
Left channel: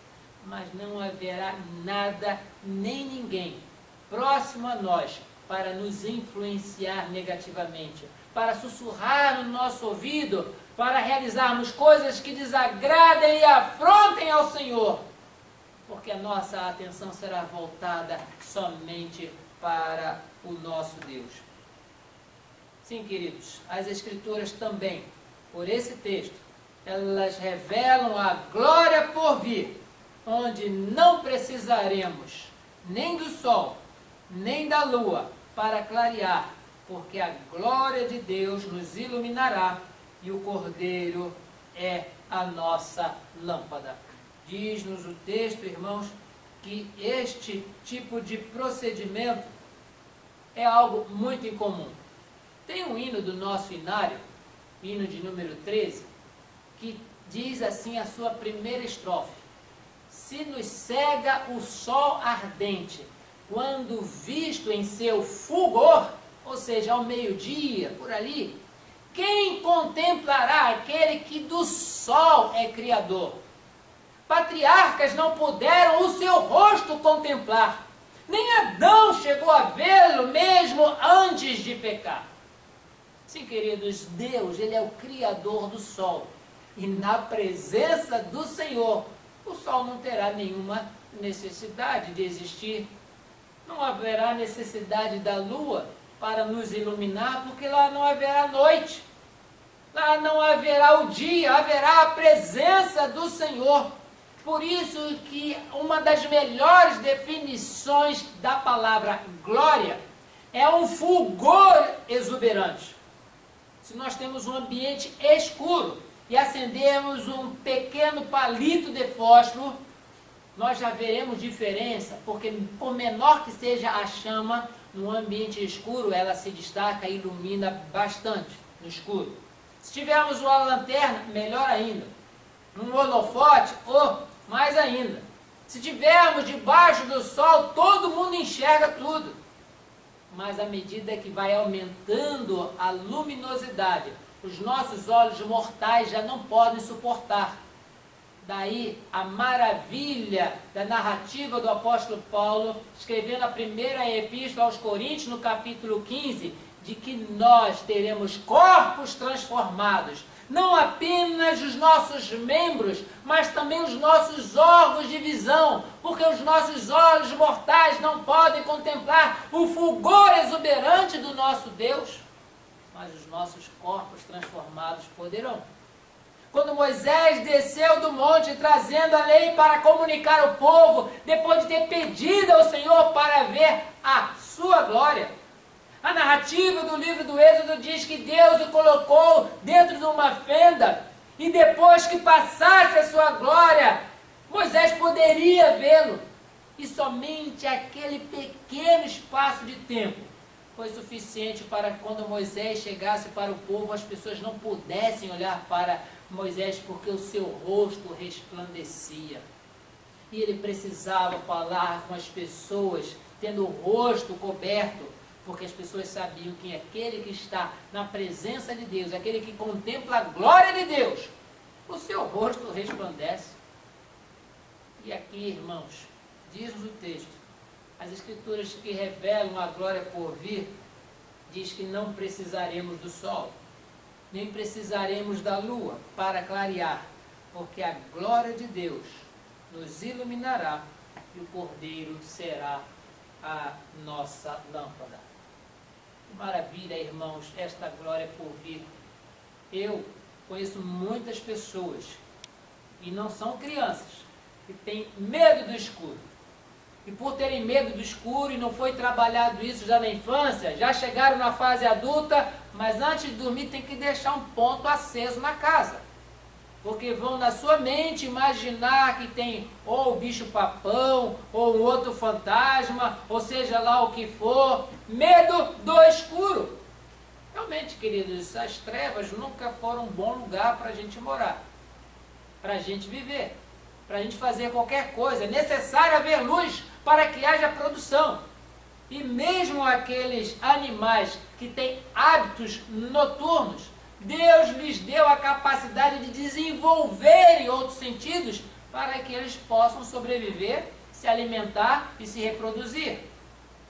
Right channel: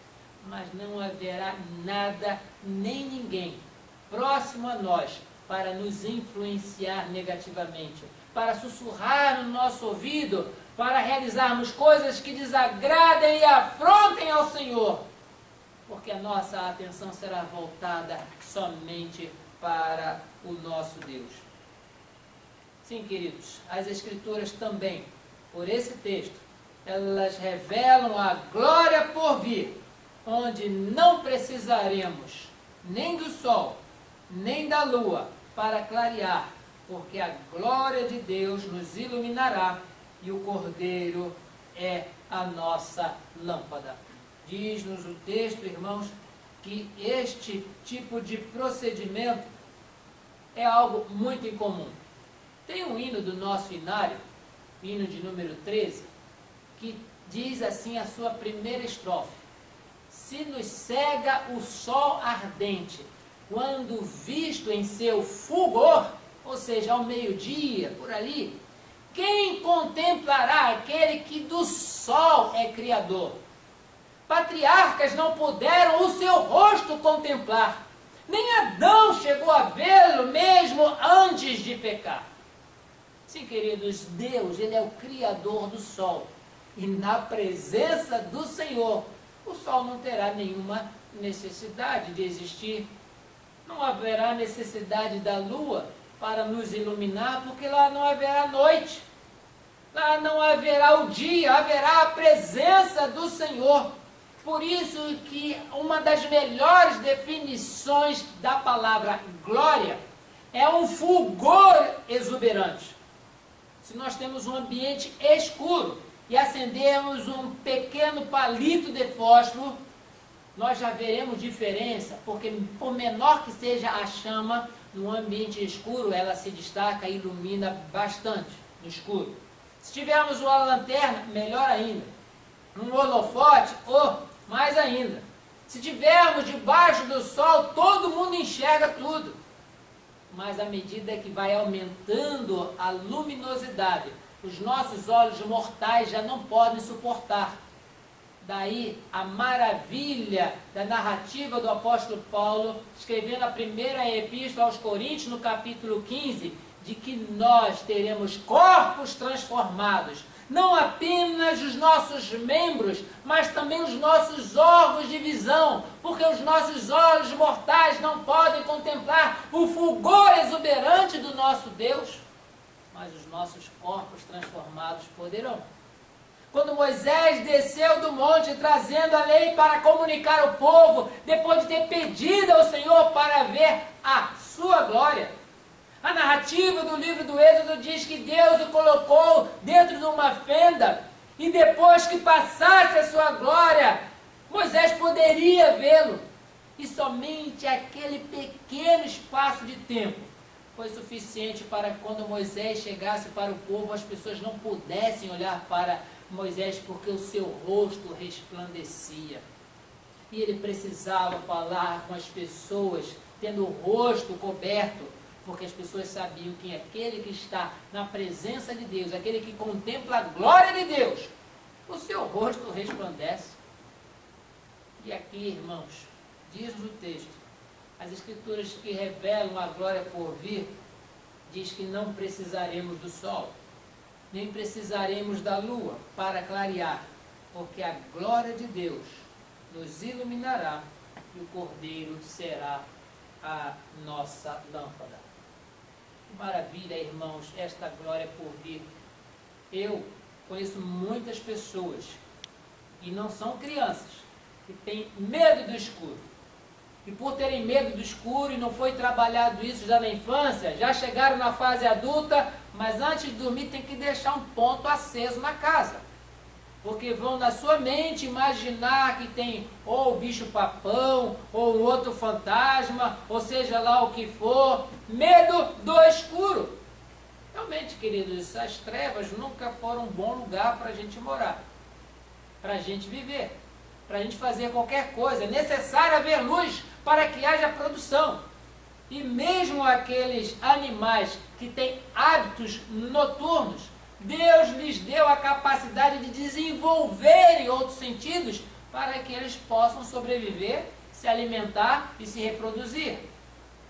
mas não haverá nada, nem ninguém próximo a nós para nos influenciar negativamente, para sussurrar no nosso ouvido, para realizarmos coisas que desagradem e afrontem ao Senhor, porque a nossa atenção será voltada somente para o nosso Deus. Sim, queridos, as Escrituras também, por esse texto, elas revelam a glória por vir, onde não precisaremos nem do sol, nem da lua para clarear, porque a glória de Deus nos iluminará e o Cordeiro é a nossa lâmpada. Diz-nos o texto, irmãos, que este tipo de procedimento é algo muito incomum. Tem um hino do nosso inário, hino de número 13, que diz assim a sua primeira estrofe: se nos cega o sol ardente, quando visto em seu fulgor, ou seja, ao meio-dia, por ali, quem contemplará aquele que do sol é criador? Patriarcas não puderam o seu rosto contemplar, nem Adão chegou a vê-lo mesmo antes de pecar. Sim, queridos, Deus, Ele é o Criador do sol. E na presença do Senhor, o sol não terá nenhuma necessidade de existir. Não haverá necessidade da lua para nos iluminar, porque lá não haverá noite. Lá não haverá o dia, haverá a presença do Senhor. Por isso que uma das melhores definições da palavra glória é um fulgor exuberante. Se nós temos um ambiente escuro e acendermos um pequeno palito de fósforo, nós já veremos diferença, porque por menor que seja a chama, no ambiente escuro ela se destaca e ilumina bastante no escuro. Se tivermos uma lanterna, melhor ainda. Um holofote, mais ainda. Se tivermos debaixo do sol, todo mundo enxerga tudo. Mas à medida que vai aumentando a luminosidade, os nossos olhos mortais já não podem suportar. Daí a maravilha da narrativa do apóstolo Paulo, escrevendo a primeira epístola aos Coríntios, no capítulo 15, de que nós teremos corpos transformados. Não apenas os nossos membros, mas também os nossos órgãos de visão, porque os nossos olhos mortais não podem contemplar o fulgor exuberante do nosso Deus, mas os nossos corpos transformados poderão. Quando Moisés desceu do monte trazendo a lei para comunicar ao povo, depois de ter pedido ao Senhor para ver a sua glória, a narrativa do livro do Êxodo diz que Deus o colocou dentro de uma fenda e depois que passasse a sua glória, Moisés poderia vê-lo. E somente aquele pequeno espaço de tempo foi suficiente para que quando Moisés chegasse para o povo, as pessoas não pudessem olhar para Moisés porque o seu rosto resplandecia. E ele precisava falar com as pessoas tendo o rosto coberto, porque as pessoas sabiam que aquele que está na presença de Deus, aquele que contempla a glória de Deus, o seu rosto resplandece. E aqui, irmãos, diz o texto, as Escrituras que revelam a glória por vir, diz que não precisaremos do sol, nem precisaremos da lua para clarear, porque a glória de Deus nos iluminará e o Cordeiro será a nossa lâmpada. Maravilha, irmãos, esta glória por vir. Eu conheço muitas pessoas, e não são crianças, que têm medo do escuro. E por terem medo do escuro, e não foi trabalhado isso já na infância, já chegaram na fase adulta, mas antes de dormir tem que deixar um ponto aceso na casa. Porque vão na sua mente imaginar que tem ou o bicho-papão, ou um outro fantasma, ou seja lá o que for. Medo do escuro. Realmente, queridos, as trevas nunca foram um bom lugar para a gente morar, para a gente viver, para a gente fazer qualquer coisa. É necessário haver luz para que haja produção. E mesmo aqueles animais que têm hábitos noturnos, Deus lhes deu a capacidade de desenvolverem outros sentidos para que eles possam sobreviver, se alimentar e se reproduzir.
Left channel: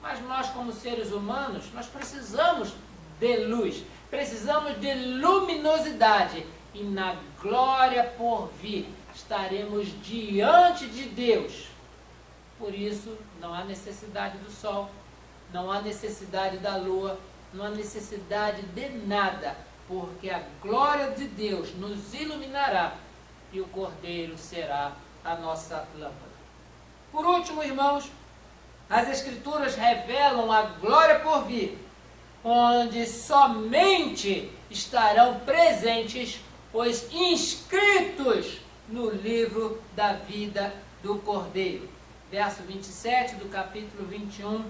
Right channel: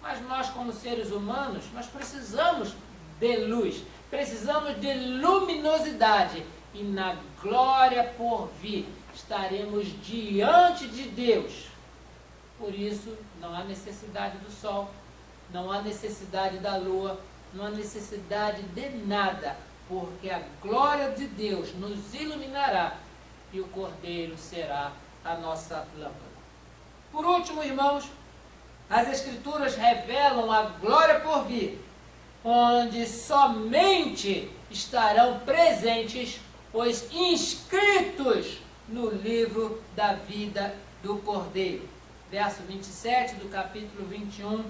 Mas nós, como seres humanos, nós precisamos de luz, precisamos de luminosidade. E na glória por vir, estaremos diante de Deus. Por isso, não há necessidade do sol, não há necessidade da lua, não há necessidade de nada, porque a glória de Deus nos iluminará e o Cordeiro será a nossa lâmpada. Por último, irmãos, as Escrituras revelam a glória por vir, onde somente estarão presentes os inscritos no livro da vida do Cordeiro. Verso 27 do capítulo 21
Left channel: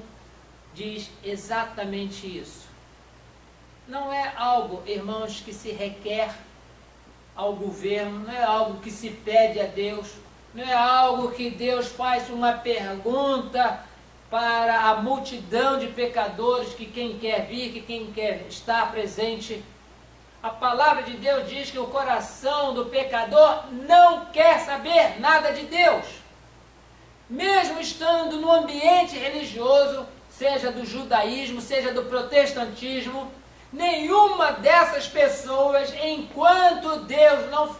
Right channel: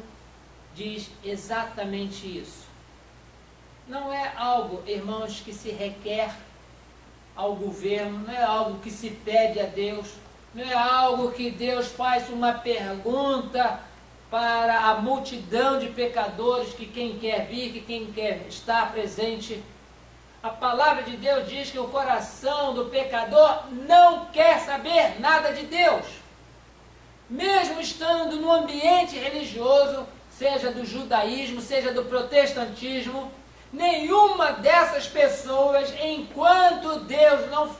diz exatamente isso. Não é algo, irmãos, que se requer ao governo, não é algo que se pede a Deus, não é algo que Deus faz uma pergunta para a multidão de pecadores, que quem quer vir, que quem quer estar presente. A palavra de Deus diz que o coração do pecador não quer saber nada de Deus. Mesmo estando no ambiente religioso, seja do judaísmo, seja do protestantismo, nenhuma dessas pessoas, enquanto Deus não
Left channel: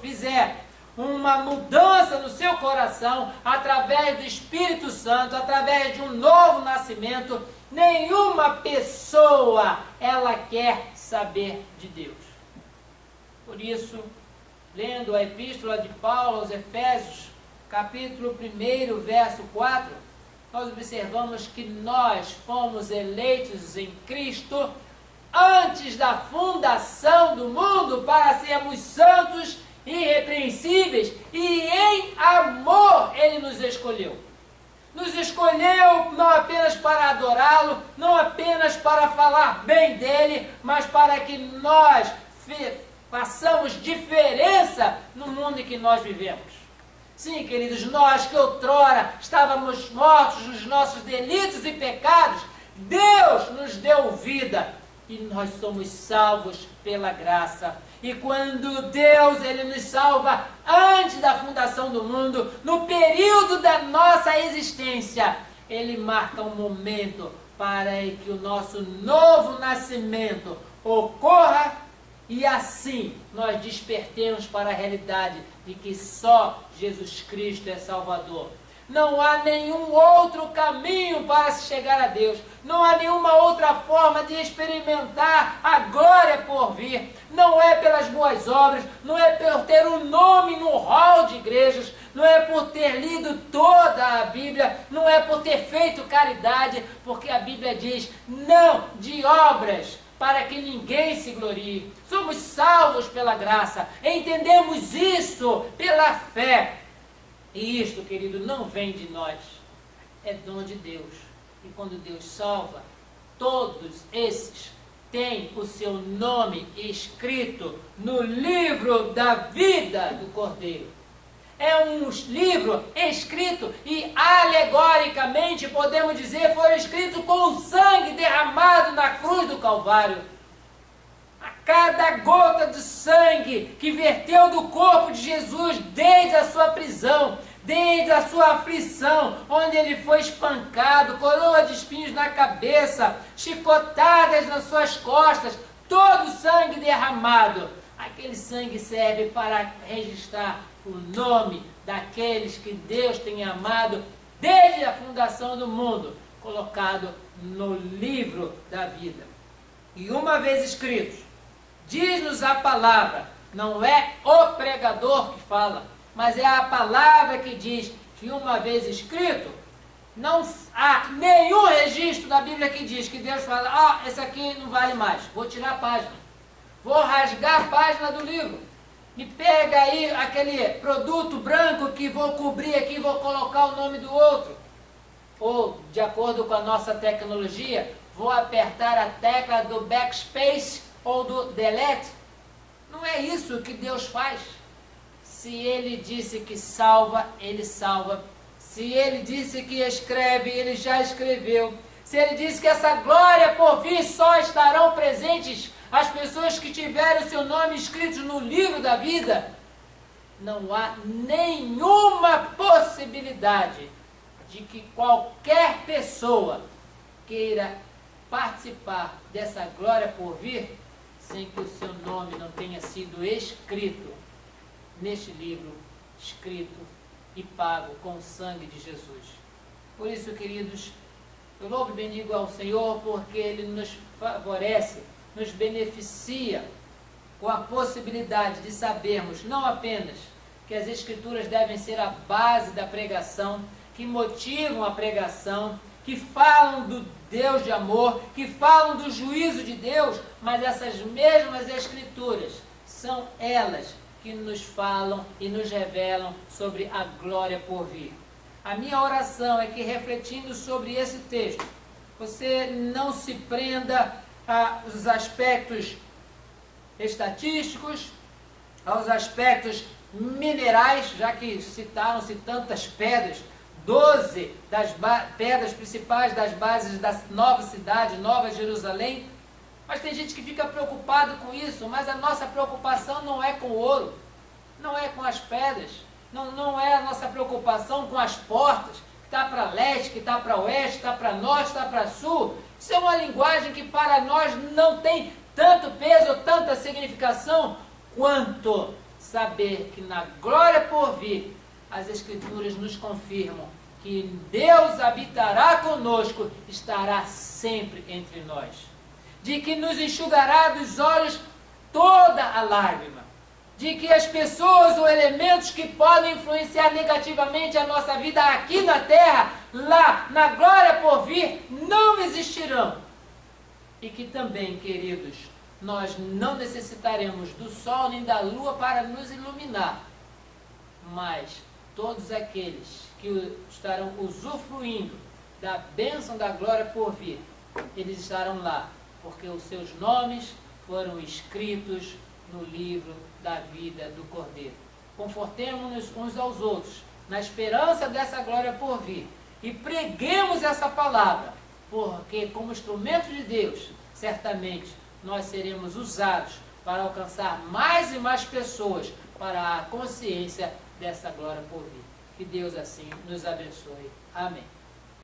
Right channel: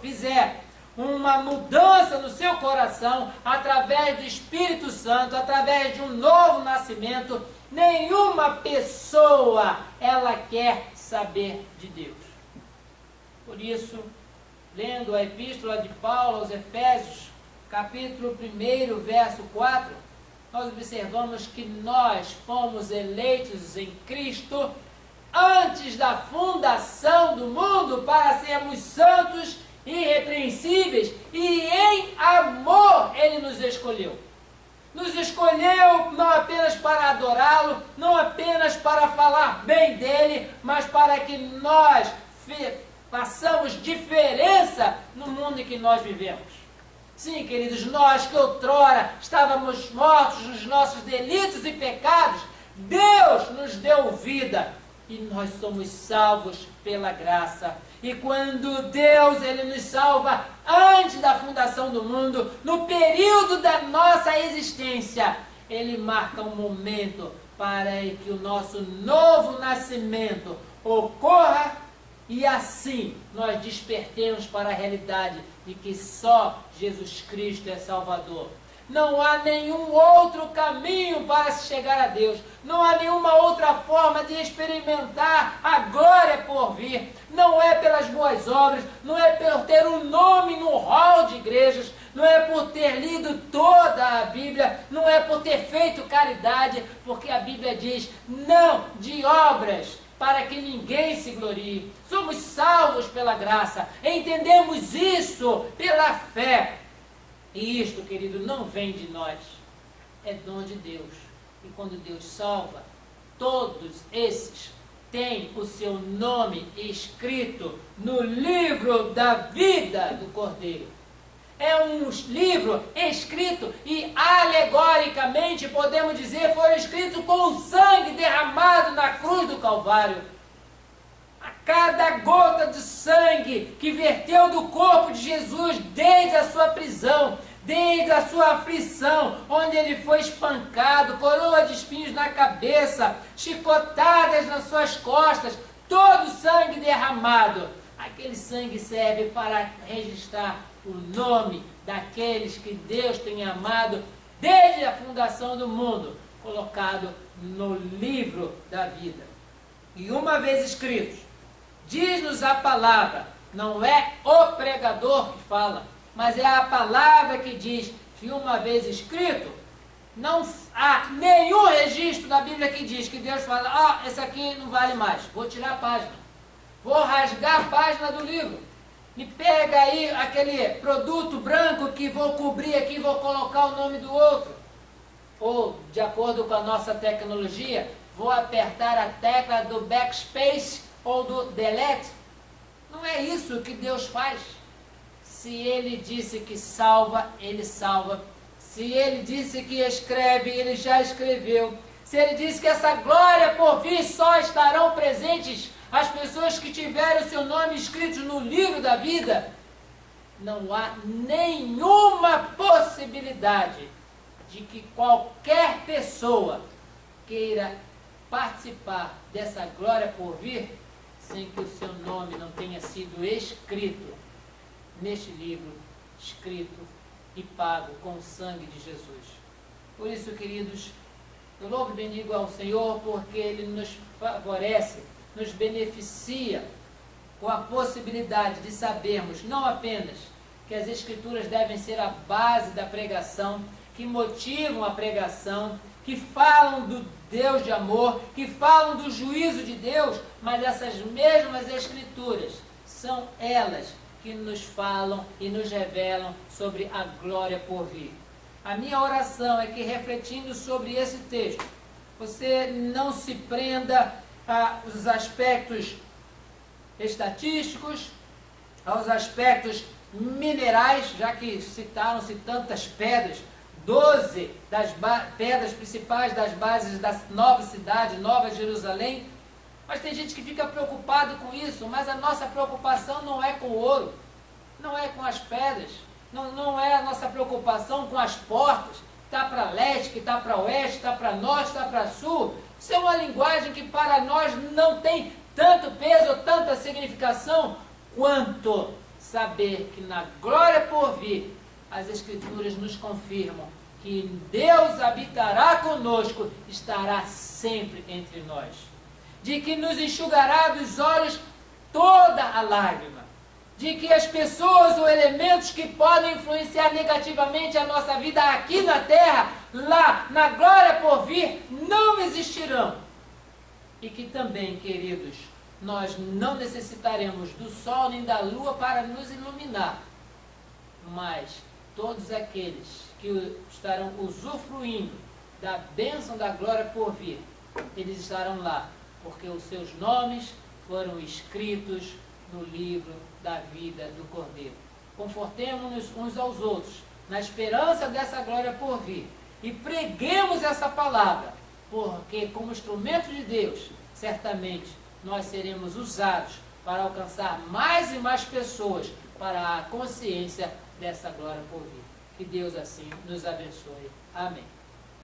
fizer uma mudança no seu coração, através do Espírito Santo, através de um novo nascimento, nenhuma pessoa, ela quer saber de Deus. Por isso, lendo a epístola de Paulo aos Efésios, capítulo 1, verso 4, nós observamos que nós fomos eleitos em Cristo antes da fundação do mundo para sermos santos e irrepreensíveis, e em amor Ele nos escolheu. Nos escolheu não apenas para adorá-lo, não apenas para falar bem dele, mas para que nós façamos diferença no mundo em que nós vivemos. Sim, queridos, nós que outrora estávamos mortos nos nossos delitos e pecados, Deus nos deu vida e nós somos salvos pela graça. E quando Deus Ele nos salva antes da fundação do mundo, no período da nossa existência, Ele marca um momento para que o nosso novo nascimento ocorra e assim nós despertemos para a realidade de que só Jesus Cristo é Salvador. Não há nenhum outro caminho para se chegar a Deus. Não há nenhuma outra forma de experimentar a glória por vir. Não é pelas boas obras, não é por ter um nome no hall de igrejas, não é por ter lido toda a Bíblia, não é por ter feito caridade, porque a Bíblia diz, não de obras, para que ninguém se glorie. Somos salvos pela graça, entendemos isso pela fé. E isto, querido, não vem de nós, é dom de Deus. E quando Deus salva, todos esses têm o seu nome escrito no livro da vida do Cordeiro. É um livro escrito e alegoricamente, podemos dizer, foi escrito com o sangue derramado na cruz do Calvário. A cada gota de sangue que verteu do corpo de Jesus desde a sua prisão, desde a sua aflição, onde ele foi espancado, coroa de espinhos na cabeça, chicotadas nas suas costas, todo o sangue derramado. Aquele sangue serve para registrar o nome daqueles que Deus tem amado desde a fundação do mundo, colocado no livro da vida. E uma vez escritos, diz-nos a palavra, não é o pregador que fala, mas é a palavra que diz que uma vez escrito, não há nenhum registro da Bíblia que diz que Deus fala, esse aqui não vale mais, vou tirar a página, vou rasgar a página do livro, me pega aí aquele produto branco que vou cobrir aqui, vou colocar o nome do outro, ou de acordo com a nossa tecnologia, vou apertar a tecla do backspace ou do delete. Não é isso que Deus faz. Se Ele disse que salva, Ele salva. Se Ele disse que escreve, Ele já escreveu. Se Ele disse que essa glória por vir só estarão presentes as pessoas que tiverem o seu nome escrito no livro da vida, não há nenhuma possibilidade de que qualquer pessoa queira participar dessa glória por vir sem que o seu nome não tenha sido escrito neste livro, escrito e pago com o sangue de Jesus. Por isso, queridos, eu louvo e bendigo ao Senhor porque Ele nos favorece, nos beneficia com a possibilidade de sabermos não apenas que as Escrituras devem ser a base da pregação, que motivam a pregação, que falam do Deus de amor, que falam do juízo de Deus, mas essas mesmas Escrituras são elas que nos falam e nos revelam sobre a glória por vir. A minha oração é que, refletindo sobre esse texto, você não se prenda aos aspectos estatísticos, aos aspectos minerais, já que citaram-se tantas pedras, 12 das pedras principais das bases da nova cidade, Nova Jerusalém. Mas tem gente que fica preocupado com isso, mas a nossa preocupação não é com o ouro, não é com as pedras, não é a nossa preocupação com as portas, que está para leste, que está para oeste, está para norte, está para sul. Isso é uma linguagem que para nós não tem tanto peso ou tanta significação, quanto saber que na glória por vir, as Escrituras nos confirmam que Deus habitará conosco, estará sempre entre nós. De que nos enxugará dos olhos toda a lágrima. De que as pessoas ou elementos que podem influenciar negativamente a nossa vida aqui na terra, lá na glória por vir, não existirão. E que também, queridos, nós não necessitaremos do sol nem da lua para nos iluminar. Mas todos aqueles que estarão usufruindo da bênção da glória por vir, eles estarão lá, porque os seus nomes foram escritos no livro da vida do Cordeiro. Confortemo-nos uns aos outros, na esperança dessa glória por vir, e preguemos essa palavra, porque como instrumento de Deus, certamente nós seremos usados para alcançar mais e mais pessoas para a consciência dessa glória por vir. Que Deus assim nos abençoe. Amém.